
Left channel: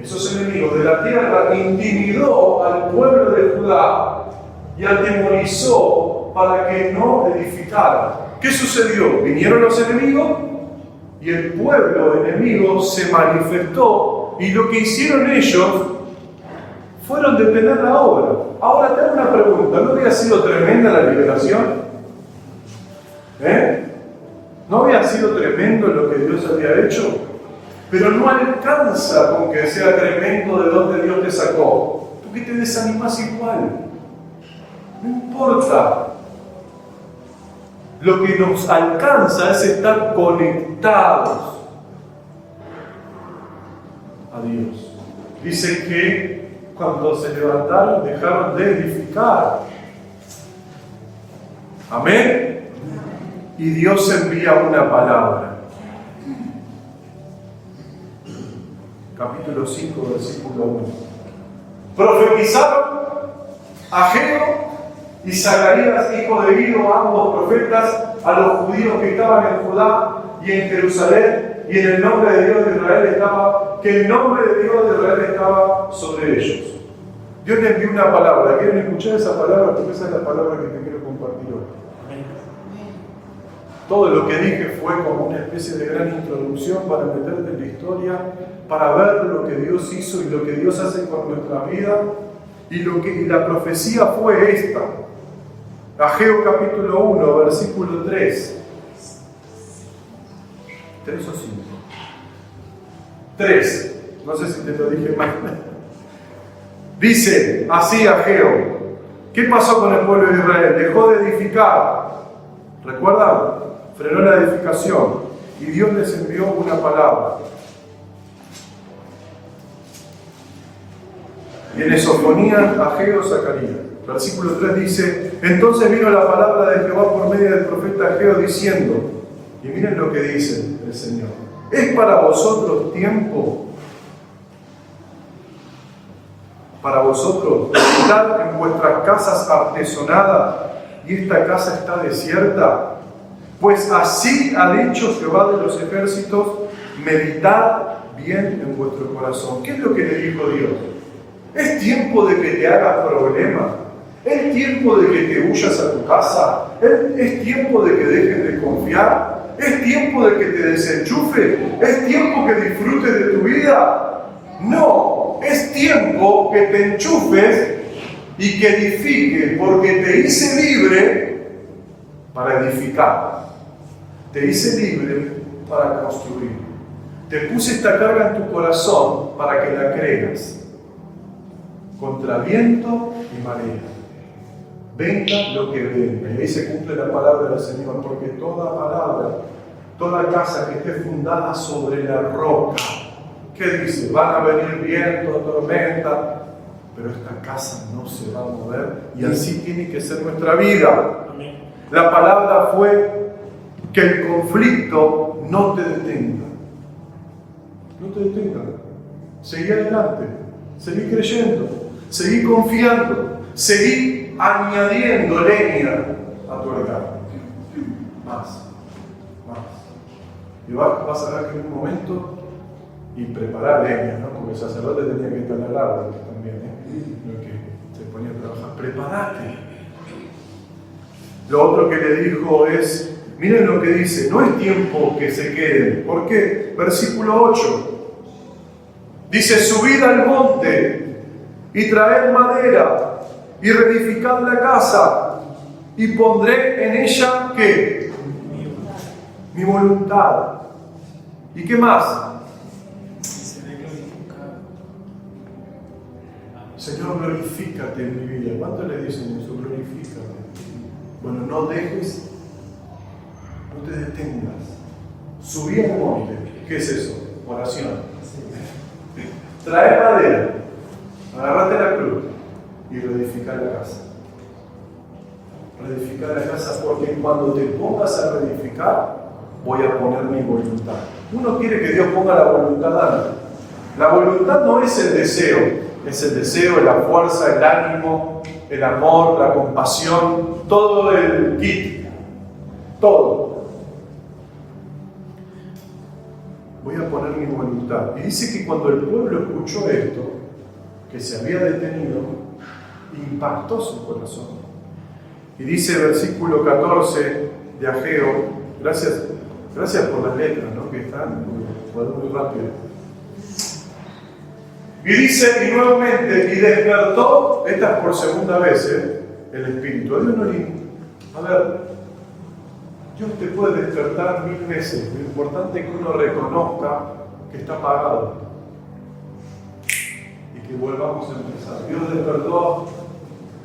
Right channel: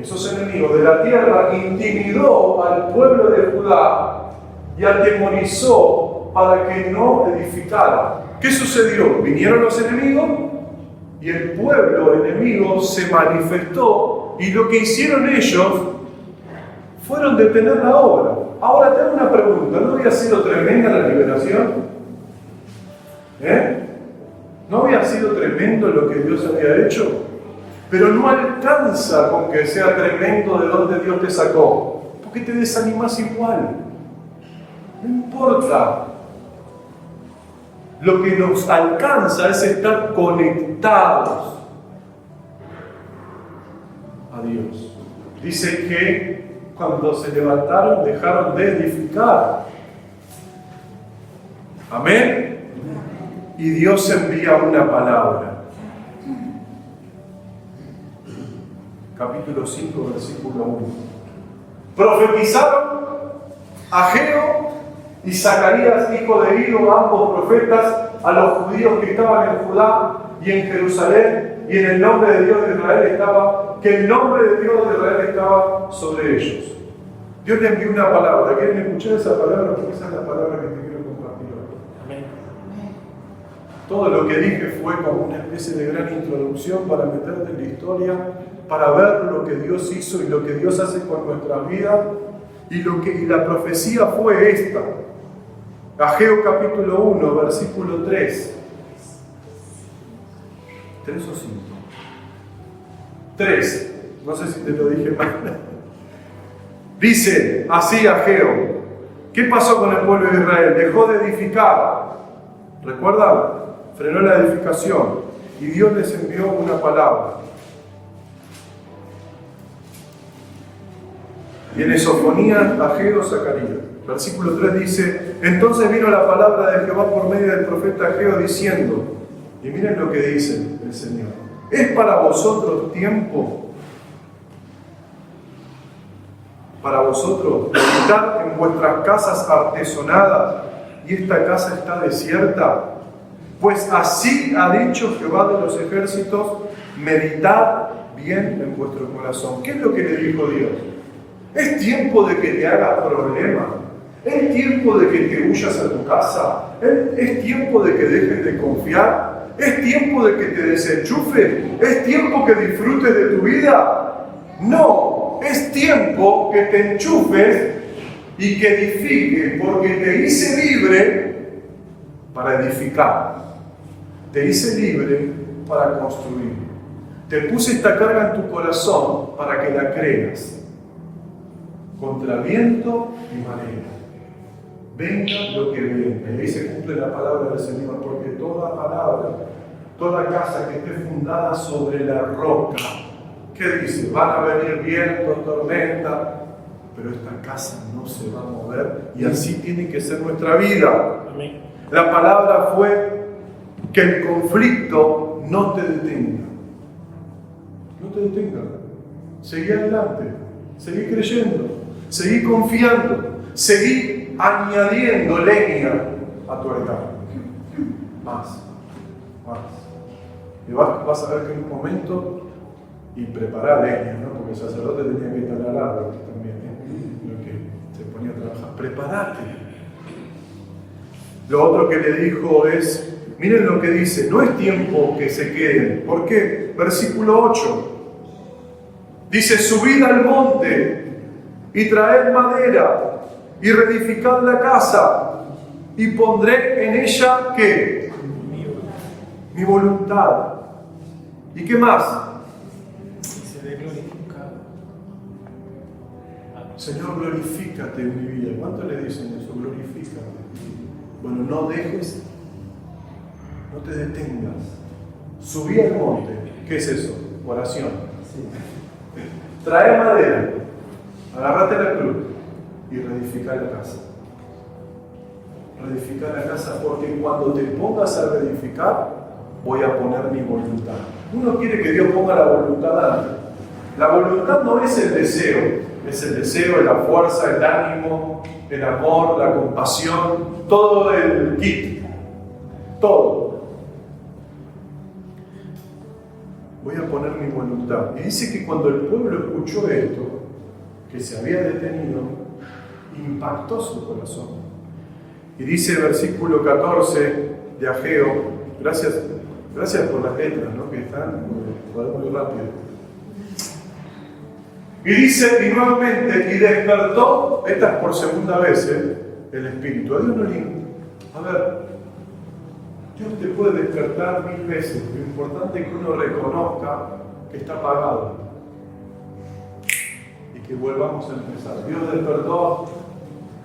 esos enemigos de la tierra, intimidó al pueblo de Judá y atemorizó para que no edificara. ¿Qué sucedió? Vinieron los enemigos y el pueblo enemigo se manifestó, y lo que hicieron ellos fueron detener la obra. Ahora te hago una pregunta: ¿no había sido tremenda la liberación? ¿No había sido tremendo lo que Dios había hecho? Pero no alcanza con que sea tremendo de donde Dios te sacó, porque te desanimas igual. No importa. Lo que nos alcanza es estar conectados a Dios. Dice que cuando se levantaron dejaron de edificar. Amén. Y Dios envía una palabra. Capítulo 5, versículo 1. Profetizaron Ageo y Zacarías, hijo de Ido, ambos profetas, a los judíos que estaban en Judá y en Jerusalén, y en el nombre de Dios de Israel estaba, que el nombre de Dios de Israel estaba sobre ellos. Dios le envió una palabra. ¿Quieren escuchar esa palabra? Porque esa es la palabra que te quiero compartir hoy. Todo lo que dije fue como una especie de gran introducción para meterte en la historia, para ver lo que Dios hizo y lo que Dios hace con nuestra vida. Y la profecía fue esta. Ageo capítulo 1, versículo 3. 3 o 5. 3. No sé si te lo dije mal. Dice así Ageo: ¿qué pasó con el pueblo de Israel? Dejó de edificar. ¿Recuerdan? Frenó la edificación. Y Dios les envió una palabra. Viene Sofonías, Ageo, Zacarías. Versículo 3 dice: entonces vino la palabra de Jehová por medio del profeta Ageo diciendo, y miren lo que dice el Señor: es para vosotros tiempo para vosotros de habitar en vuestras casas artesonadas y esta casa está desierta? Pues así ha dicho Jehová de los ejércitos, meditad bien en vuestro corazón. ¿Qué es lo que le dijo Dios? Es tiempo de que te hagas problemas. Es tiempo de que te huyas a tu casa. Es tiempo de que dejes de confiar. Es tiempo de que te desenchufes. Es tiempo que disfrutes de tu vida. No, es tiempo que te enchufes y que edifiques, porque te hice libre para edificar. Te hice libre para construir. Te puse esta carga en tu corazón para que la creas. Contra viento y marea. Venga lo que venga. Y ahí se cumple la palabra del Señor, porque toda palabra, toda casa que esté fundada sobre la roca, ¿qué dice? Van a venir vientos, tormentas, pero esta casa no se va a mover y así tiene que ser nuestra vida. La palabra fue que el conflicto no te detenga. No te detenga. Seguí adelante, seguí creyendo, seguí confiando, seguí añadiendo leña a tu altar. Más. Y vas a ver que en un momento, y preparar leña, ¿no? Porque el sacerdote tenía que talar árboles también, lo que se ponía a trabajar. Prepárate. Lo otro que le dijo es, miren lo que dice, no es tiempo que se queden. ¿Por qué? Versículo 8. Dice, subid al monte y traed madera y reedificad la casa y pondré en ella, ¿qué? Mi voluntad. ¿Y qué más? Señor, glorifícate en mi vida. ¿Cuánto le dicen eso? Glorifícate. Bueno, no dejes, no te detengas. Subí al monte. ¿Qué es eso? Oración. Trae madera, agarrate la cruz y reedificar la casa. Reedificar la casa, porque cuando te pongas a reedificar, voy a poner mi voluntad. Uno quiere que Dios ponga la voluntad antes. La voluntad no es el deseo, es el deseo, la fuerza, el ánimo, el amor, la compasión, todo el kit. Todo. Voy a poner mi voluntad. Y dice que cuando el pueblo escuchó esto, que se había detenido, impactó su corazón. Y dice versículo 14 de Ageo, gracias por las letras, ¿no? Que están, podemos ir rápido. Y dice, y nuevamente, y despertó, esta es por segunda vez, el Espíritu. A Dios no le... A ver, Dios te puede despertar 1000 veces. Lo importante es que uno reconozca que está apagado y que volvamos a empezar. Dios despertó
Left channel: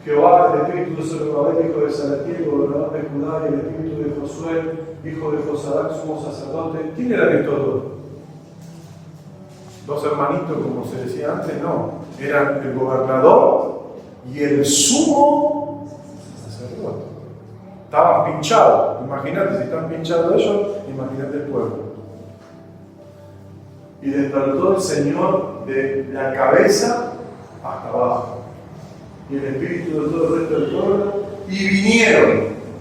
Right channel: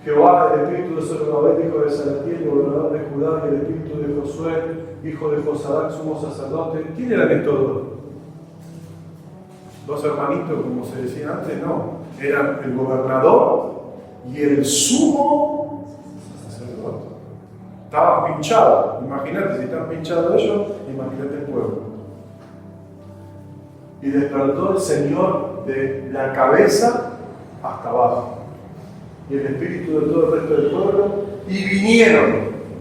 Jehová, el espíritu de Zorobabel, hijo de Salatiel, gobernador de Judá, y el espíritu de Josué, hijo de Josadac, sumo sacerdote. ¿Quién eran estos dos? ¿Dos hermanitos, como se decía antes? No, eran el gobernador y el sumo sacerdote. Estaban pinchados. Imagínate, si están pinchados ellos, imagínate el pueblo. Y despertó el Señor de la cabeza hasta abajo. Y el espíritu de todo el resto del pueblo. Y vinieron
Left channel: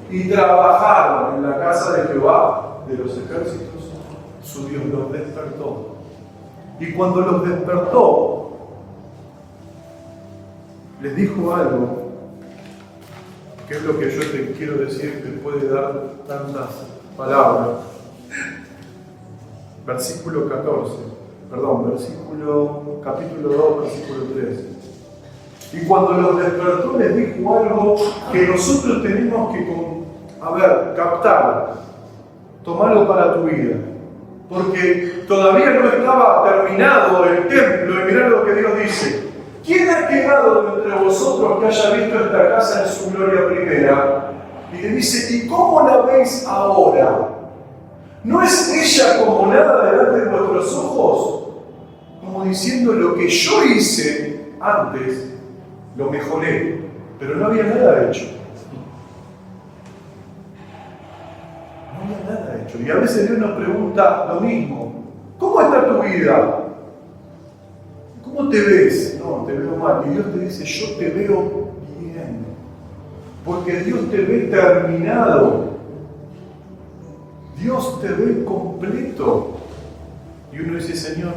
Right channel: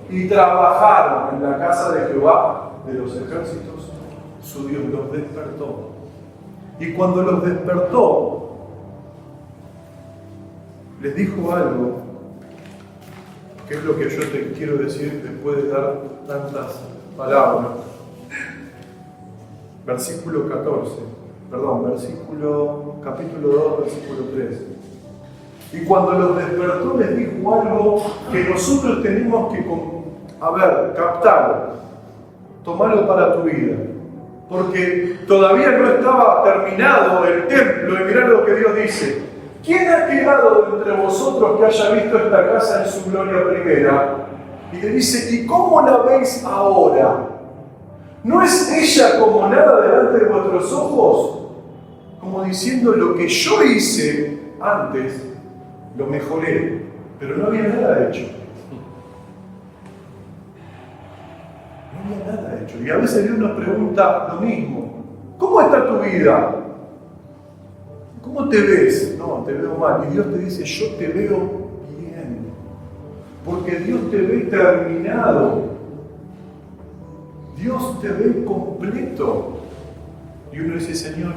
y trabajaron en la casa de Jehová de los ejércitos. Su Dios los despertó. Y cuando los despertó, les dijo algo. ¿Qué es lo que yo te quiero decir después de dar tantas palabras? Capítulo 2, versículo 3. Y cuando los despertó les dijo algo que nosotros tenemos que, captarlo, tomarlo para tu vida. Porque todavía no estaba terminado el templo y mirá lo que Dios dice. ¿Quién ha quedado de entre vosotros que haya visto esta casa en su gloria primera? Y le dice, ¿y cómo la veis ahora? ¿No es ella como nada delante de vuestros ojos? Como diciendo, lo que yo hice antes, lo mejoré, pero no había nada hecho. No había nada hecho. Y a veces Dios nos pregunta lo mismo. ¿Cómo está tu vida? ¿Cómo te ves? No, te veo mal. Y Dios te dice, yo te veo bien. Porque Dios te ve terminado. Dios te ve completo. Y uno dice, Señor,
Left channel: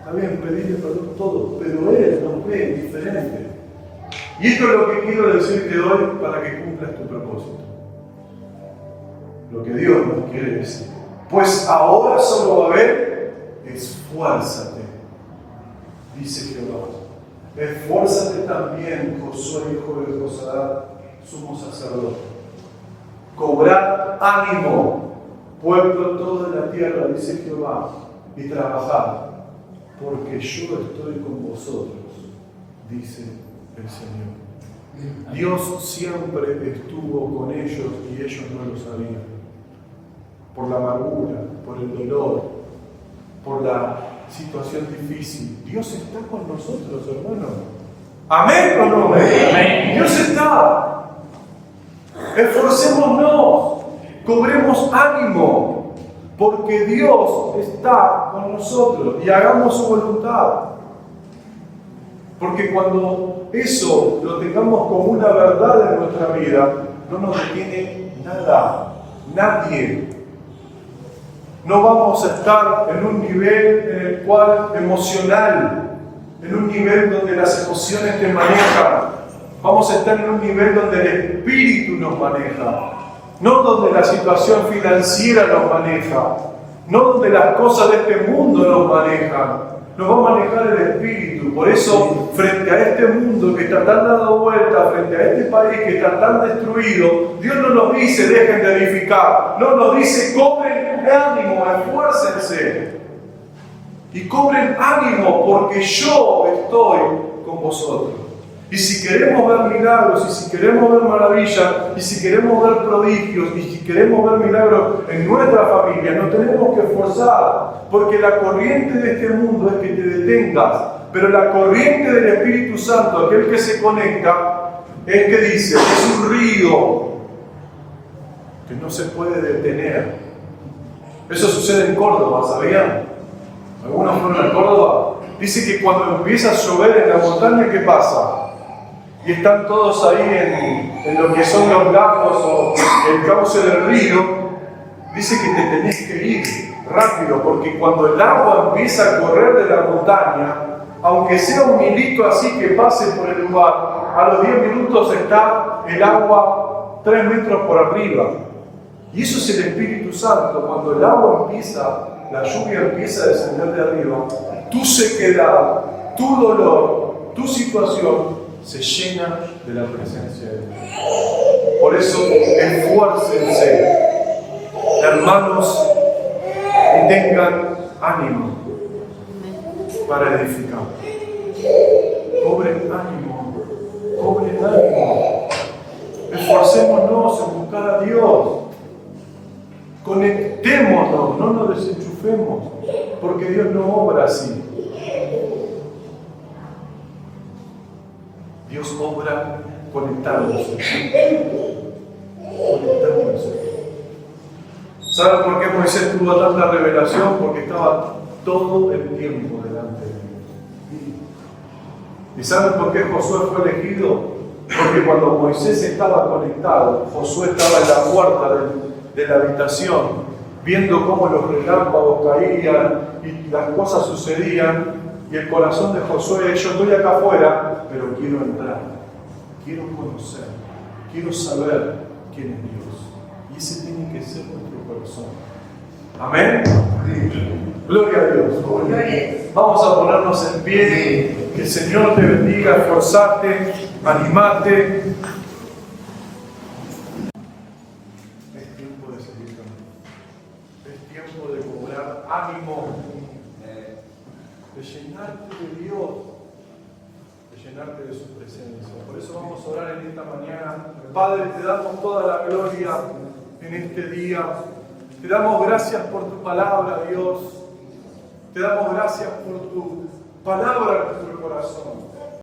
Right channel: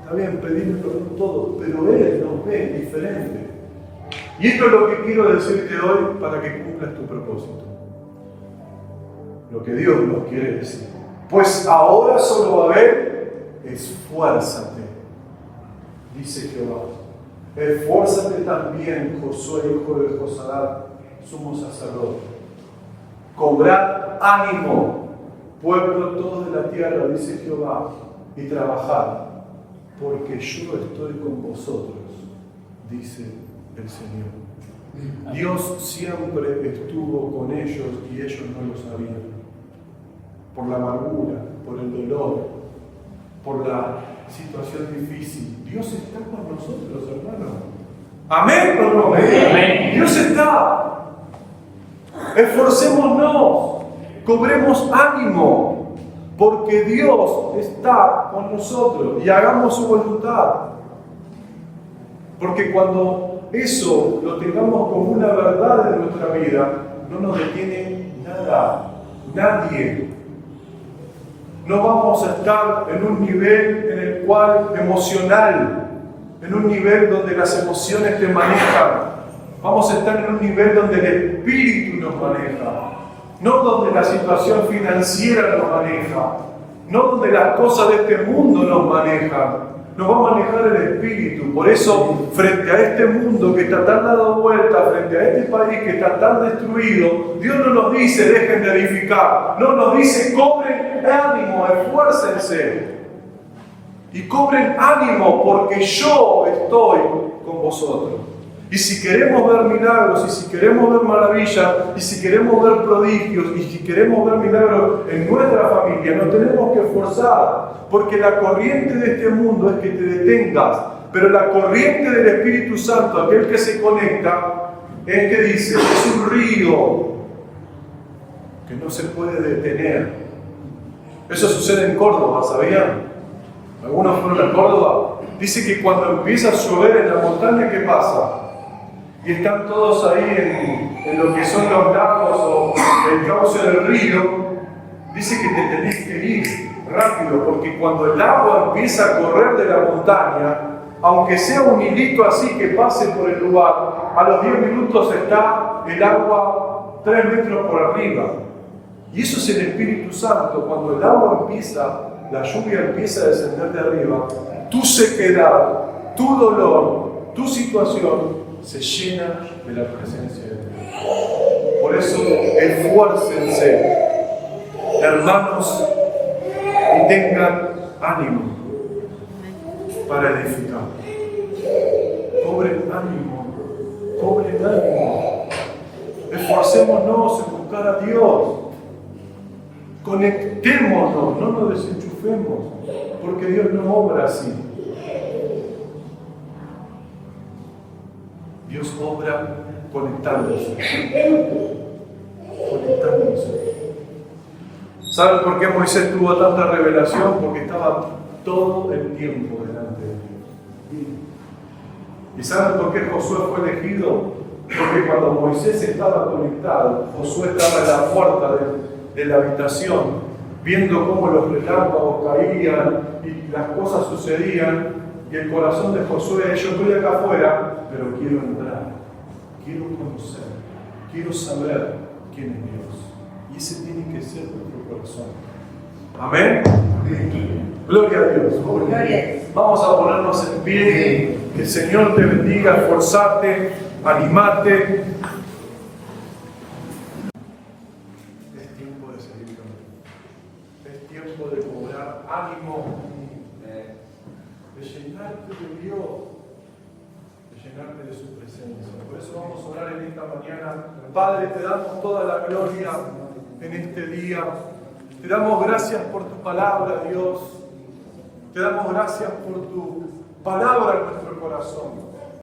está bien, pedirle perdón todo, pero Él nos ve diferente. Y esto es lo que quiero decirte hoy para que cumplas tu propósito. Lo que Dios nos quiere decir. Pues ahora solo va a haber, esfuérzate, dice Jehová. Esfuérzate también, Josué, hijo de Josadá, sumo sacerdote. Cobrad ánimo, pueblo todo de la tierra, dice Jehová, y trabajad, porque yo estoy con vosotros, dice el Señor. Dios siempre estuvo con ellos y ellos no lo sabían. Por la amargura, por el dolor, por la situación difícil. Dios está con nosotros, hermanos. ¿Amén o no? Amén. Dios está. Esforcémonos, cobremos ánimo, porque Dios está con nosotros y hagamos su voluntad. Porque cuando eso lo tengamos como una verdad en nuestra vida, no nos detiene nada, nadie. No vamos a estar en un nivel en el cual emocional, en un nivel donde las emociones te manejan. Vamos a estar en un nivel donde el espíritu nos maneja, no donde la situación financiera nos maneja, no donde las cosas de este mundo nos manejan. Nos va a manejar el espíritu. Por eso, frente a este mundo que está tan dado vuelta, frente a este país que está tan destruido, Dios no nos dice dejen de edificar, no, nos dice cobren ánimo, esfuércense y cobren ánimo porque yo estoy con vosotros. Y si queremos ver milagros, y si queremos ver maravillas, y si queremos ver prodigios, y si queremos ver milagros en nuestra familia, nos tenemos que esforzar, porque la corriente de este mundo es que te detengas, pero la corriente del Espíritu Santo, aquel que se conecta, es que dice, es un río que no se puede detener. Eso sucede en Córdoba, ¿sabían? ¿Algunos fueron a Córdoba? Dice que cuando empieza a llover en la montaña, ¿qué pasa? Y están todos ahí en lo que son los lagos o el cauce del río, dice que te tenés que ir rápido, porque cuando el agua empieza a correr de la montaña, aunque sea un hilito así que pase por el lugar, a los 10 minutos está el agua 3 metros por arriba. Y eso es el Espíritu Santo. Cuando el agua empieza, la lluvia empieza a descender de arriba, tu sequedad, tu dolor, tu situación se llena de la presencia de Dios. Por eso, esfuércense, hermanos, y tengan ánimo para edificar. Cobren ánimo, cobren ánimo. Esforcémonos en buscar a Dios. Conectémonos, no nos desenchufemos, porque Dios no obra así. Dios obra conectándose. ¿Saben por qué Moisés tuvo tanta revelación? Porque estaba todo el tiempo delante de Dios. ¿Y saben por qué Josué fue elegido? Porque cuando Moisés estaba conectado, Josué estaba en la puerta de la habitación, viendo cómo los relámpagos caían y las cosas sucedían, y el corazón de Josué, yo estoy acá afuera, pero quiero entrar, quiero conocer, quiero saber quién es Dios. Y ese tiene que ser nuestro corazón. ¿Amén? Gloria a Dios. Vamos a ponernos en pie. Que el Señor te bendiga, esforzate, animate. Es tiempo de seguir caminando. Es tiempo de cobrar ánimo, de llenarte de Dios, de llenarte de su presencia. Por eso vamos a orar en esta mañana. Padre, te damos toda la gloria en este día. Te damos gracias por tu palabra, Dios. Te damos gracias por tu palabra en nuestro corazón.